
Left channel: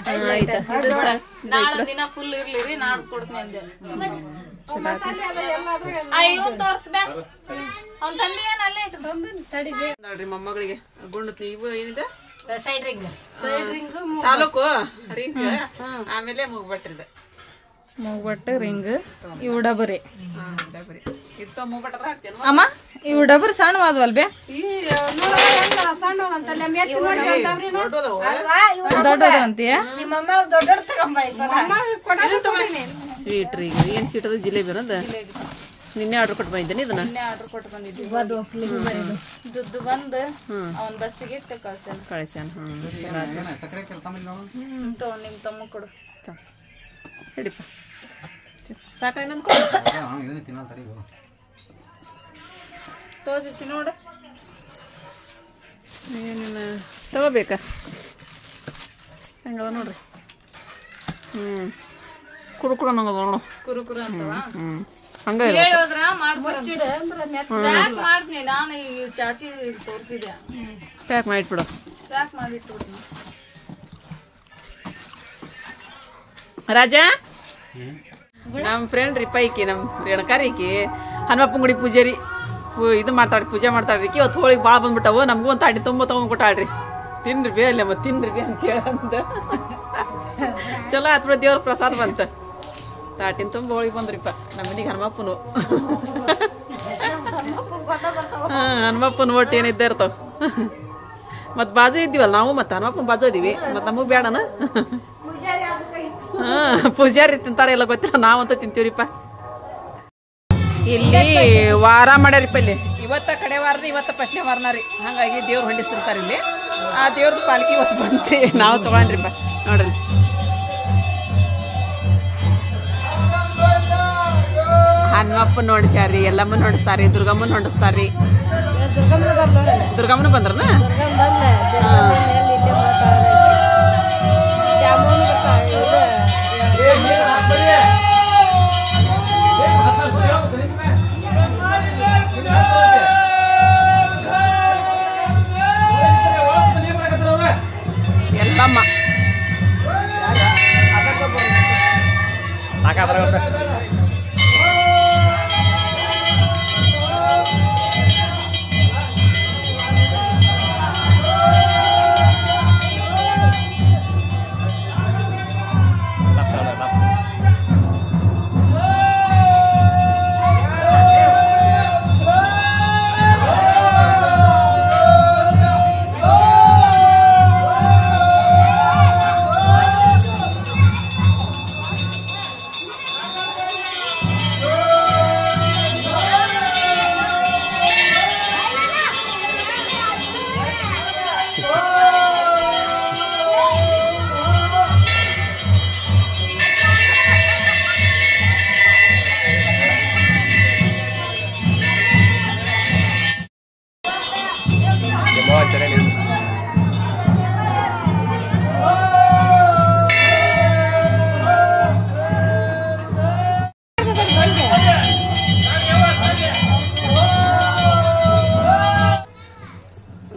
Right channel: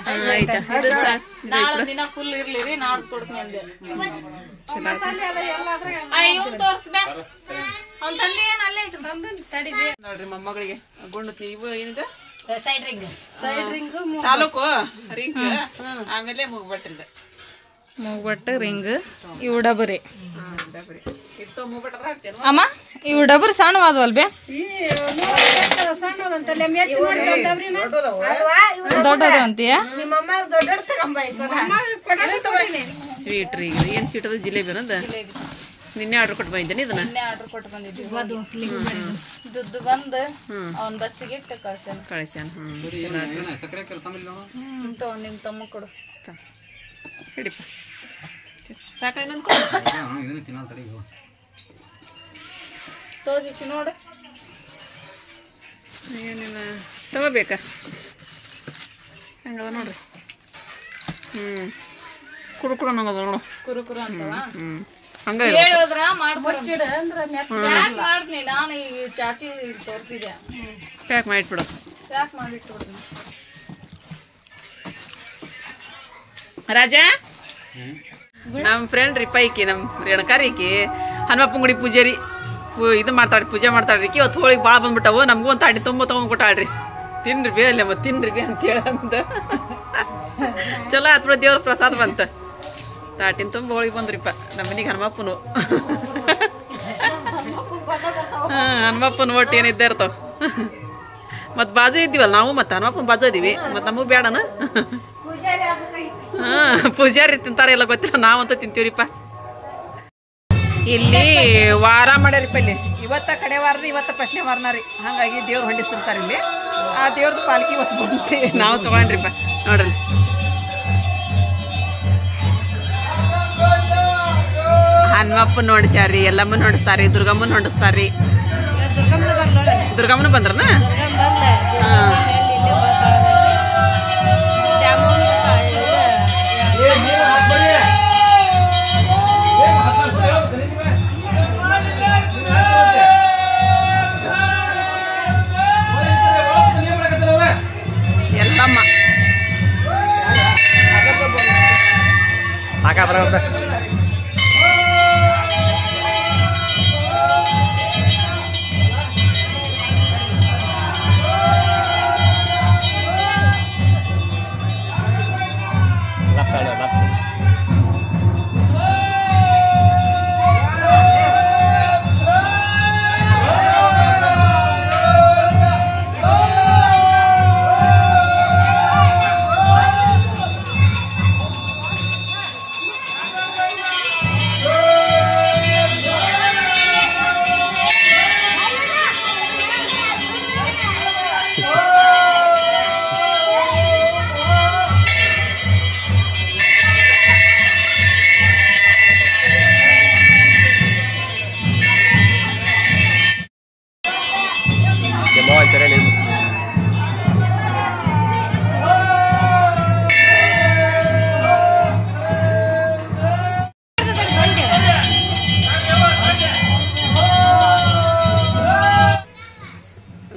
ನಾಳೆ ದಿನ ಫುಲ್ ಇರ್ಲಿರಿ ನಾನ್ ಕೊಡ್ತೀನಿ ಅಂದೆ ಇವನ್ ತೋರ್ಸ್ಬ ಅವ್ನ ತಂದೆ ಏನ್ ಅಲ್ಲೇ ಇಟ್ಟು ನೋಡ್ರಿ ಮೊಮ್ಮಗಳಿಗೆ ಗುಂಡು ಇವು ಏನಿದೆ ಸೈಡ್ ರಿಂಗ್ ತಾಲೂಕು ರಿಂಗ್ ಆಮೇಲೆ ಮೂಗ್ಬಟ್ಟಿಲ್ದ ಮೂಗ್ಬಟ್ಟು ರಿಂಗ್ ಇವು ಡಬರಿ ಇತ್ತು ಮೂಗ್ಬಟ್ಟ ಹಾಕ್ತೇನೆ ಅಮ್ಮ ಇವು ಡಬರಿ ಸಣ್ಣವಾದವಲ್ ಬೇ ದೊಡ್ಡದು ಅಂತೀಯ ಸ್ವೀಟ್ ರೀ ಏನ್ ಸ್ವೀಟ್ ಅದ ಜಿಲೇಬಿ ಅನ್ನೋದ ನಿನ್ನೆ ಆರ್ಡರ್ ಕೊಟ್ಟು ಬಂದಿದ್ದೇನೆ ಇದನ್ನ ಆರ್ಡರ್ ಕೊಟ್ಟು ಬಂದಿದ್ದೀವಿ ದುಡ್ಡು ಬಂದು ಅವನ್ ಬಸ್ಸಿಗೆ ಇಟ್ಟು ಕಳ್ಸ್ಯಾನ ಕಳಿಸ್ಯಾನ ನಿಮ್ ತಮ್ಮ ಕೊಡು ಹಿಡಿಪ ಸಾಕ ಇನ್ನೊಂದು ತೋರಿಸಿ ನೋಡು ಏನಿಲ್ಲ ತಗೋಬೇಕಾ ಹಂಗದ ನೋಡ್ರಿ ಕುರುಕುರು ಅನ್ನೋದು ನೋಡು ಕುರುಕುರು ಅಂತವ ಹಂಗ ಹೇಳಿದ್ರ ಮಾಡ್ತೀನಿ ನಾನು ಈ ಚಾಚಿ ತೋರಿಸಿದೆ ಪ್ಯಾಕ್ ಮಾಡಿಟ್ಬಿಡು ಪ್ಯಾಕ್ ಮಾಡಿಟ್ಬಿಡು ರಾಜ ನಮ್ಮ ಫ್ರೆಂಡ್ ರೀ ಪೈಕಿ ನಮ್ಮ ರೇಣಕಾರಿಕಿ ಹನುಮಪ್ಪನ ಗುಡಿ ಪೂಜಾರಿ ಇದು ಮಾಡ್ತಾಳ್ರಿ ಪೂಜೆ ಮಾಡ್ತಾಳ್ರಿ ಇವತ್ತು ಹೋಳಿಗೆ ಭಾಳ ಬಂದ್ಬಿಟ್ಟವು ನಮಗೂ ಒಂದು ತಾಡಿ ತುಂಬ ತೊಗೊಂಡು ಕೊಟ್ಟಾಳ್ರಿ ತಿನ್ರಿ ಬೇ ಅಲ್ಲೇ ಮತ್ತೆ ತಿನ್ರಿ ಬೇ ಅಂತ ಹೇಳಂತ ಚಲೋ ಆತ್ ಬಿಡ ದೇವ್ರ ಪ್ರಸಾದ ಬಂತ ತಾಟಿನ ತುಂಬ ಹೋಳಿಗೆ ಬಂದ್ರಿಪ್ಪ ನಮ್ಮ ಮನೆಗೆ ಹನುಮಪ್ಪನು ಹನುಮಪ್ಪನ ಒಟ್ಟು ಏನಿದ್ದೇ ಇರ್ತಾವ ಮತ್ತು ಬಾಜು ಇದ್ದೀವಲ್ಲ ನಾವು ಮತ್ತು ಹನುಮಪ್ಪನ ಬಾಜು ಇದೀವಿ ಮತ್ತು ನಮಗೆ ಬೇಡನ ಪೂಜಾರಿ ತಿಂತಾರ ಎಲ್ಲ ಗೊತ್ತಿಲ್ಲ ನಾವಂತೂ ತಿಂತೀವ್ರಿಪ್ಪ ಇಲ್ಲಿ ವಾರ ಮಾಡ್ಯಾರಿಪ್ಪ ಇಲ್ಲಿ ಇವತ್ತ ಕಡೆ ವಾರದ ಇವತ್ತ ಫಸ್ಟ್ನೇ ವಾರನ ರೀ ಹಾಗಾಗಿ ದೇವ್ರು ಹೊಂಡಿಸಿರ್ತಾರೆ ಇಲ್ಲಿ ಆ ದೇವ್ರದ್ದು ಪಾಲ್ಕಿ ಇವತ್ತು ಬಂದ್ರಿ ನಾವು ತಗೊಂಡ್ರಿಪ್ಪ ನೋಡ್ರಿ ಹನುಮಪ್ಪನ ನೋಡಿಸ್ಯಾರಿ ಎಲ್ಲಮ್ಮನ ನೋಡಿಸ್ತಾರಿ ದುರ್ಗಮ್ಮನ ನೋಡಿಸ್ತಾರಿ ದುರ್ಗಮ್ಮನ ಬಂದ್ರನ ಎಲ್ಲಮ್ಮ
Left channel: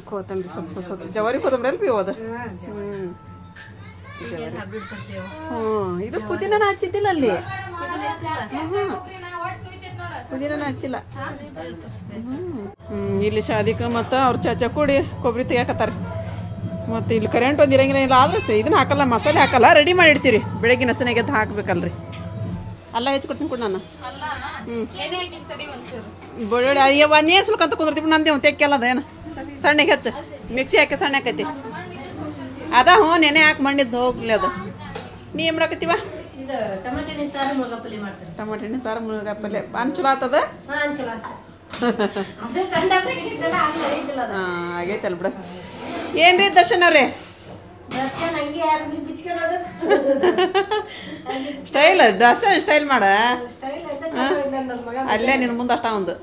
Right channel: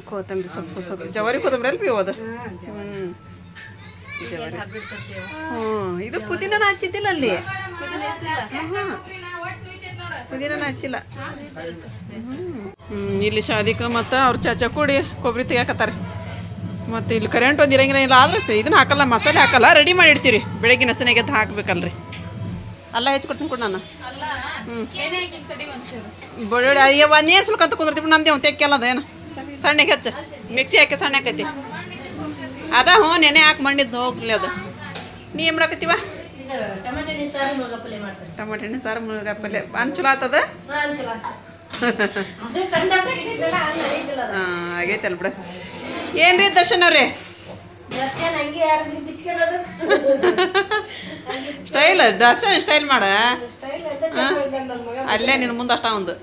ಕೊತ್ತಂಬರಿ ಸೊಪ್ಪು ಜವಾರಿ ಕೊತ್ತಂಬರಿ ಅಲ್ಪಿ ಹೋದ ಜವಾರಿ ಇದು ಪುದೀನ ಹಚ್ಚಿದ್ದಿಲ್ಲ ಅಲ್ಲಿ ಪುದೀನ ಹಚ್ಚಿಲ್ಲ ಇಲ್ಲಿ ಶಾದಿಕ ಮತ್ತು ಅವ್ರ ಚಾಚಾ ಕೂಡಿ ಕೊಬ್ಬರಿ ತೆಗಿಯಾಕತ್ತಾರೆ ಮತ್ತು ಇಲ್ಲಿ ಕರೆಂಟ್ ಒಂದು ಇರಂಗಿಲ್ಲ ಇಲ್ಲ ಆದ್ರೆ ಇದನ್ನ ಹಾಕಲ್ಲ ಮಸಾಲೆ ಹಾಕಲ್ಲ ರೆಡಿ ಮಾಡಿ ಇಡ್ತೀರಿ ಬೆಳಗ್ಗೆ ನಸನೆಗೆ ಎದ್ದು ಹಾಕ್ಬೇಕಲ್ರಿ ಅಲ್ಲ ಹೆಚ್ಚಿಕೊಡ್ತೀನಿ ಕೊಡು ನಾನು ಬೆಳ್ಳುಳ್ಳಿ ಅಯ್ಯ ಒಂದೇ ಸುಲ್ಕಂತ ಕುಂದಿರ್ತೀವಿ ನಮ್ದೇ ಒಂದು ತೆಕ್ಕೆಲ್ಲದ ಏನು ಸಣ್ಣಗೆ ಹೆಚ್ಚು ಮಿಕ್ಸಿ ಹಾಕಿ ಸಣ್ಣ ಹಾಕೈತಿ ಅದ ಹ್ಞೂ ನೆನೆ ಹಾಕಿ ಮಂಡಿದ್ದು ಹೋಗ್ಲಿ ಅದು ನೀ ಏನು ಮಾಡಾಕತ್ತೀವ ಟಮಾಟೆ ಹಣ್ಣು ಸಾರು ಮುಳುಗ ಪಲ್ಯ ಅನ್ ಚಲೋ ಆತದ ಹಾಂ ಆಗೈತಲ್ಲ ಬಿಡ ಏನ್ರಿ ದರ್ಶನ್ ಅವ್ರಿ ಸ್ಟೈಲ್ ದರ್ಶನ್ ಸ್ಟೈಲ್ ಮಾಡ ಅಲ್ಲೇ ನಿನ್ನ ಮುಂದೆ ಅಷ್ಟ ಒಂದು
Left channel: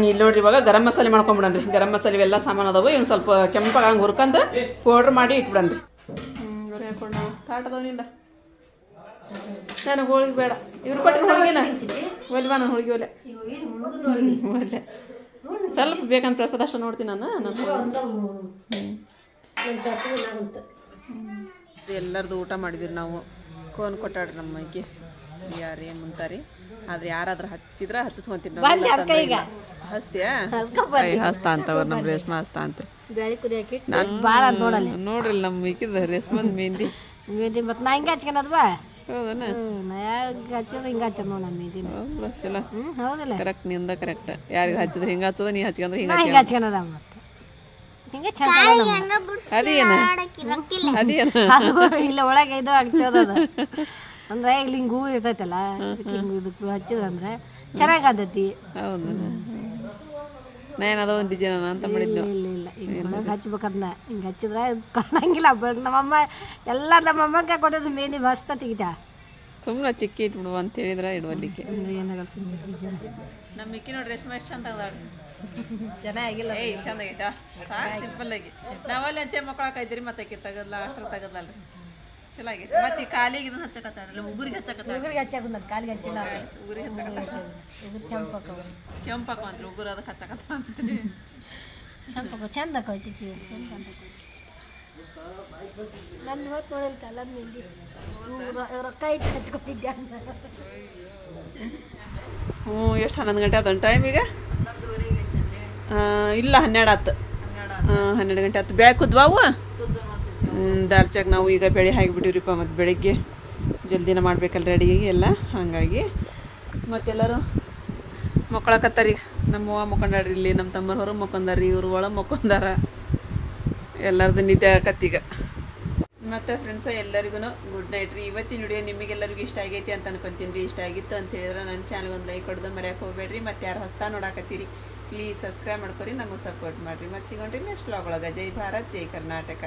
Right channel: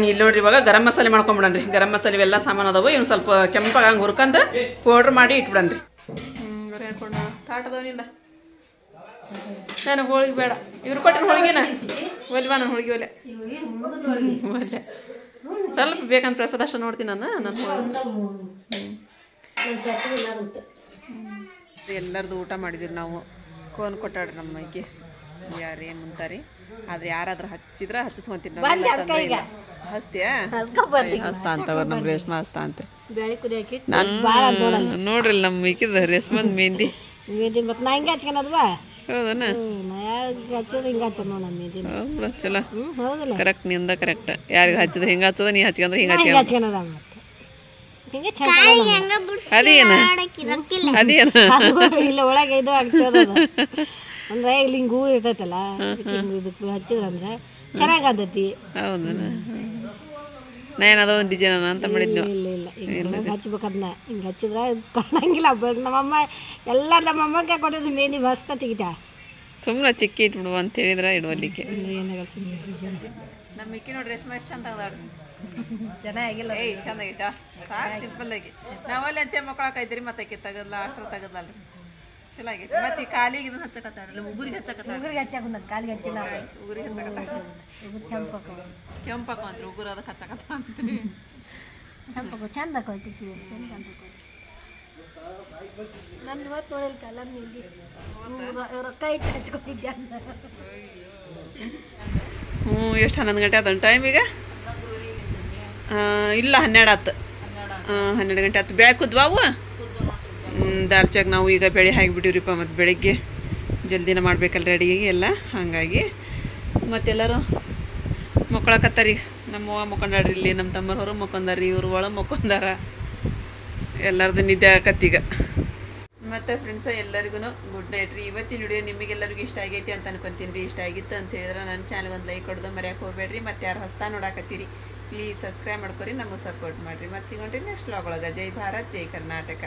ಇಲ್ಲಿ ನೋಡ್ರಿ ಇವಾಗ ಗರಂ ಮಸಾಲೆ ಮಾಡ್ಕೊಂಬಿಡನ್ರಿ ಗರಂ ಮಸಾಲೆ ಇವೆಲ್ಲ ಸಾಮಾನು ಅದಾವು ಇವ್ನು ಸ್ವಲ್ಪ ಕೆಂಪಾಗಿ ಹಂಗೆ ಹುರ್ಕಂದು ಪೌಡ್ರ್ ಮಾಡಿ ಇಟ್ಬಿಡನ್ರಿ ಗರಿ ಹಾಕೊಂಡ ತಾಟದವನಿಲ್ಲ ನನಗೆ ಹೋಳಿಗೆ ಬೇಡ ಇವ್ರು ಕೊಟ್ಟಿನ ಹೋಳಿಗೆನ ಒಲ್ವಾ ನಾನು ಹೋಳಿಗೆ ಒಲೆ ಒಲೆ ಸ್ವಲ್ಪ ಬೇಕಂತ ಪ್ರಸಾದ ನೋಡ್ತೀನಿ ನಾನು ಎಲ್ಲರದು ಊಟ ಮಾಡಿದಿರಿ ನಾವು ಕೋನ್ ಕೊಟ್ಟಾಡ್ರಿ ನಮ್ಮ ಮೈಗೆ ಯಾರು ಏನು ಮುಂತಾರಿ ಆದ್ರೆ ಯಾರಾದ್ರೂ ಹಚ್ಚಿದ್ರ ಹಚ್ಚಿಸ್ಕೊಂತೀನಿ ಹಚ್ತೀಯಾ ಹಸ್ತಾ ಅಂತವ್ರ ನಮ್ಮ ರೇಷ್ಮಾ ಹಸ್ತಾ ಅಂತ ನೋಡ್ರಿ ನಮ್ಮ ಮಿಕ್ಕಿದ ರೇಷ್ಮಂದ್ ಮೆಹಂದಿ ಮತ್ತೆ ನಾ ಹಿಂಗೆ ಹಚ್ಕೊಳದ್ವಾ ಹೌದನ ಹಚ್ಚಿದ್ರೆ ಹಿಂಗೆ ಹಚ್ಚ ನೋಡ ಹೌದಾ ಚಲೋ ಹೌದಲ್ಲ ಕರೆಕ್ಟ್ ನಿಂದ ಕರೆಕ್ಟ್ ಯಾರಿಗೆ ಹಚ್ಚಿದ್ರೆ ಹಿಂಗೆ ಹಚ್ಚದ ನೀ ಹಚ್ಕೊಂಡ್ರೆ ಹಿಂಗೆ ಹಿಂಗೆ ಹಚ್ಕೊಳದ ಮತ್ತೆ ಹಿಂಗೆ ಅದೇನ ಅದೇನ ಇಲ್ಲ ಒಳಗೆ ಇದು ಹಚ್ಚೋದ ಅಂದ್ರೆ ಇಲ್ಲಿ ಹಿಂಗೆ ಹೂ ಇರ್ತೈತಲ್ಲ ಇದಕ್ಕೆ ಹಚ್ಚಿದ್ರಂದ್ರೆ ಚೆನ್ನಾಗಿ ಆದತಿ ಹೌದನ ನಾನೇನದ ಒಂದು ಡಿಸೈನ್ ಅಂತ ಮಾಡಿದ್ನು ಇಲ್ಲ ಇಲ್ಲ ಹಚ್ಬೇಕದ್ನ ಹಿಂಗೆ ಹಚ್ಚಿದ್ರೆ ಕಾಣಂಗಿಲ್ಲ ನಮ್ಮಮ್ಮ ಎಲ್ಲ ನಮ್ಮಮ್ಮಗೆ ಕೊಡೋದು ಮೇನಿ ಮಸ್ತ ತೆಗಿತಾ ಸುಮ್ಮನೆ ಚಿಕ್ಕಿ ಇಟ್ಬಿಡುವ ಅಂತ ಹೇಳಿದ್ರೆ ಇಡುವಲ್ಲಿಕ್ಕೆ ಏನಾಗಲ್ಲ ಸುಮ್ಮನೆ ನಮ್ಮ ಮಿಕ್ಕಿ ನೋಡಿ ರೇಷ್ಮೆ ಎಷ್ಟು ಚಂದ ಅದಾಡ್ರಿ ಚೆನ್ನಾಗಿಲ್ಲ ಚಂದ ಆಗೈತಾ ಸಾಕು ಸಿಂಪಲ್ ಆಗಿ ನಾವಲ್ಲಿ ಅಂತೆ ಮಕ್ಕಳಾಕೈತ್ರಿ ಮತ್ತೆ ಆಕಿ ತೆಗದ್ಲ ಅಷ್ಟ್ರ ತೆಗದ್ಲಲ್ರಿ ಚಲೋ ಆಗೈತಿ ಮತ್ತೆ ಈ ಕಾಲಿಗೆ ಇದನ್ನ ಹಚ್ಚಕತ್ತಾಡ್ರಿ ಉಗುರಿಗೆ ಹಚ್ಚಕತ್ತಾಳ ಉಗುರಿಗೆ ಹಚ್ಚಾಕ ಕಾಲಿಗೆ ಹಚ್ಚಿಲ್ಲ ಉಗುರಿಗೆ ಹಚ್ಚಕತ್ತಾಳ ಕೆಂಪಕ್ಕ ಅಂತ್ರಿ ಉಗುರು ಅದಕ್ಕೆ ಹಚ್ಚಕತ್ತ ಅಂತ್ರಿ ಕೆಂಪಕ್ಕ ಚಂದ ಚಿಚ್ಚಿ ಚಂದ ನಮ್ದು ಹೊತ್ತು ನೋಡಿಲ್ಲ ಕಲ್ಲ ನಿಂದಿ ರೊಕ್ಕ ಇಟ್ಟು ಹಚ್ಕೊಂಡಿದ್ದೆ ಅಂತ ಎಷ್ಟು 11 ಗಂಟೆ ಆತ ಟೈಮ್ ಈಗ ಇಲ್ಲ 12 ಆತು 12 ಗಂಟೆ ಆತು ಬೆಳೆ ಕುದ್ವಾವು ದಾಲ್ ಚಾಕ್ ನಾವು ಈಗ ಬೆಳೆ ಹಾಕಿಬಿಟ್ಟಿವ್ರಿಪ್ಪ ಮತ್ತು ಬೆಳಿಗ್ಗೆ ಜಲ್ದಿನ ಮಾಡ್ಬೇಕಲ್ಲ ರೆಡಿಯಾಗಿ ಎಲ್ಲ ಹಾಗಾಗಿ ಮತ್ತೆಲ್ಲರೂ ಮಕ್ಕಳಕತ್ತಾರಿ ನಮ್ಮವ್ವ ಮಕ್ಕೊಂಡಾಡ್ರಿ ಇಲ್ಲಿ ನಮ್ಮ ತಮ್ಮರ ಹೊರ ಮಕ್ಕೊಂದಾರಿ ಇವ್ರು ಒಳಗೆ ಮಕ್ಕೊಂದಾರ ಎಲ್ಲರದು ನಿದ್ದೆ ಆಕತ್ತೀಗ ಮತ್ತು ಫ್ರೆಂಡ್ಸ ಎಲ್ಲರಿಗೂ ಗುಡ್ ನೈಟ್ ರೀ ಇವತ್ತಿನ ವಿಡಿಯೋ ನಿಮಗೆಲ್ಲರಿಗೂ ಇಷ್ಟ ಆಗೈತಿ ಅಂತ ಅನ್ಕೊಂತೀನಿ ರೀ ಇಷ್ಟ ಆಗಿತ್ತು ಅಂತ ಹೇಳಿದ್ರೆ ನನ್ನ ಚಾನಲ್ ಒಂದು ಲೈಕ್ ಕೊಡೋದು ಮರ್ಯಾಕೆ ಹೋಗ್ಬೇಡ್ರಿ ಮತ್ತು ಯಾರು ಹೊಸ್ತಾ ನೋಡಾಕತ್ತೀರಿ ಪ್ಲೀಸ್ ಸಬ್ಸ್ಕ್ರೈಬ್ ಮಾಡ್ಕೊರಿ ನಮಗೆ ಸಪೋರ್ಟ್ ಮಾಡಿರಿ ಮತ್ತು ಸಿಗೋಣ್ರಿ ನೆಕ್ಸ್ಟ್ ವ್ಲಾಗ್ ಒಳಗೆ ಜೈ ಭಾರತ್ ಜೈ ಕರ್ನಾಟಕ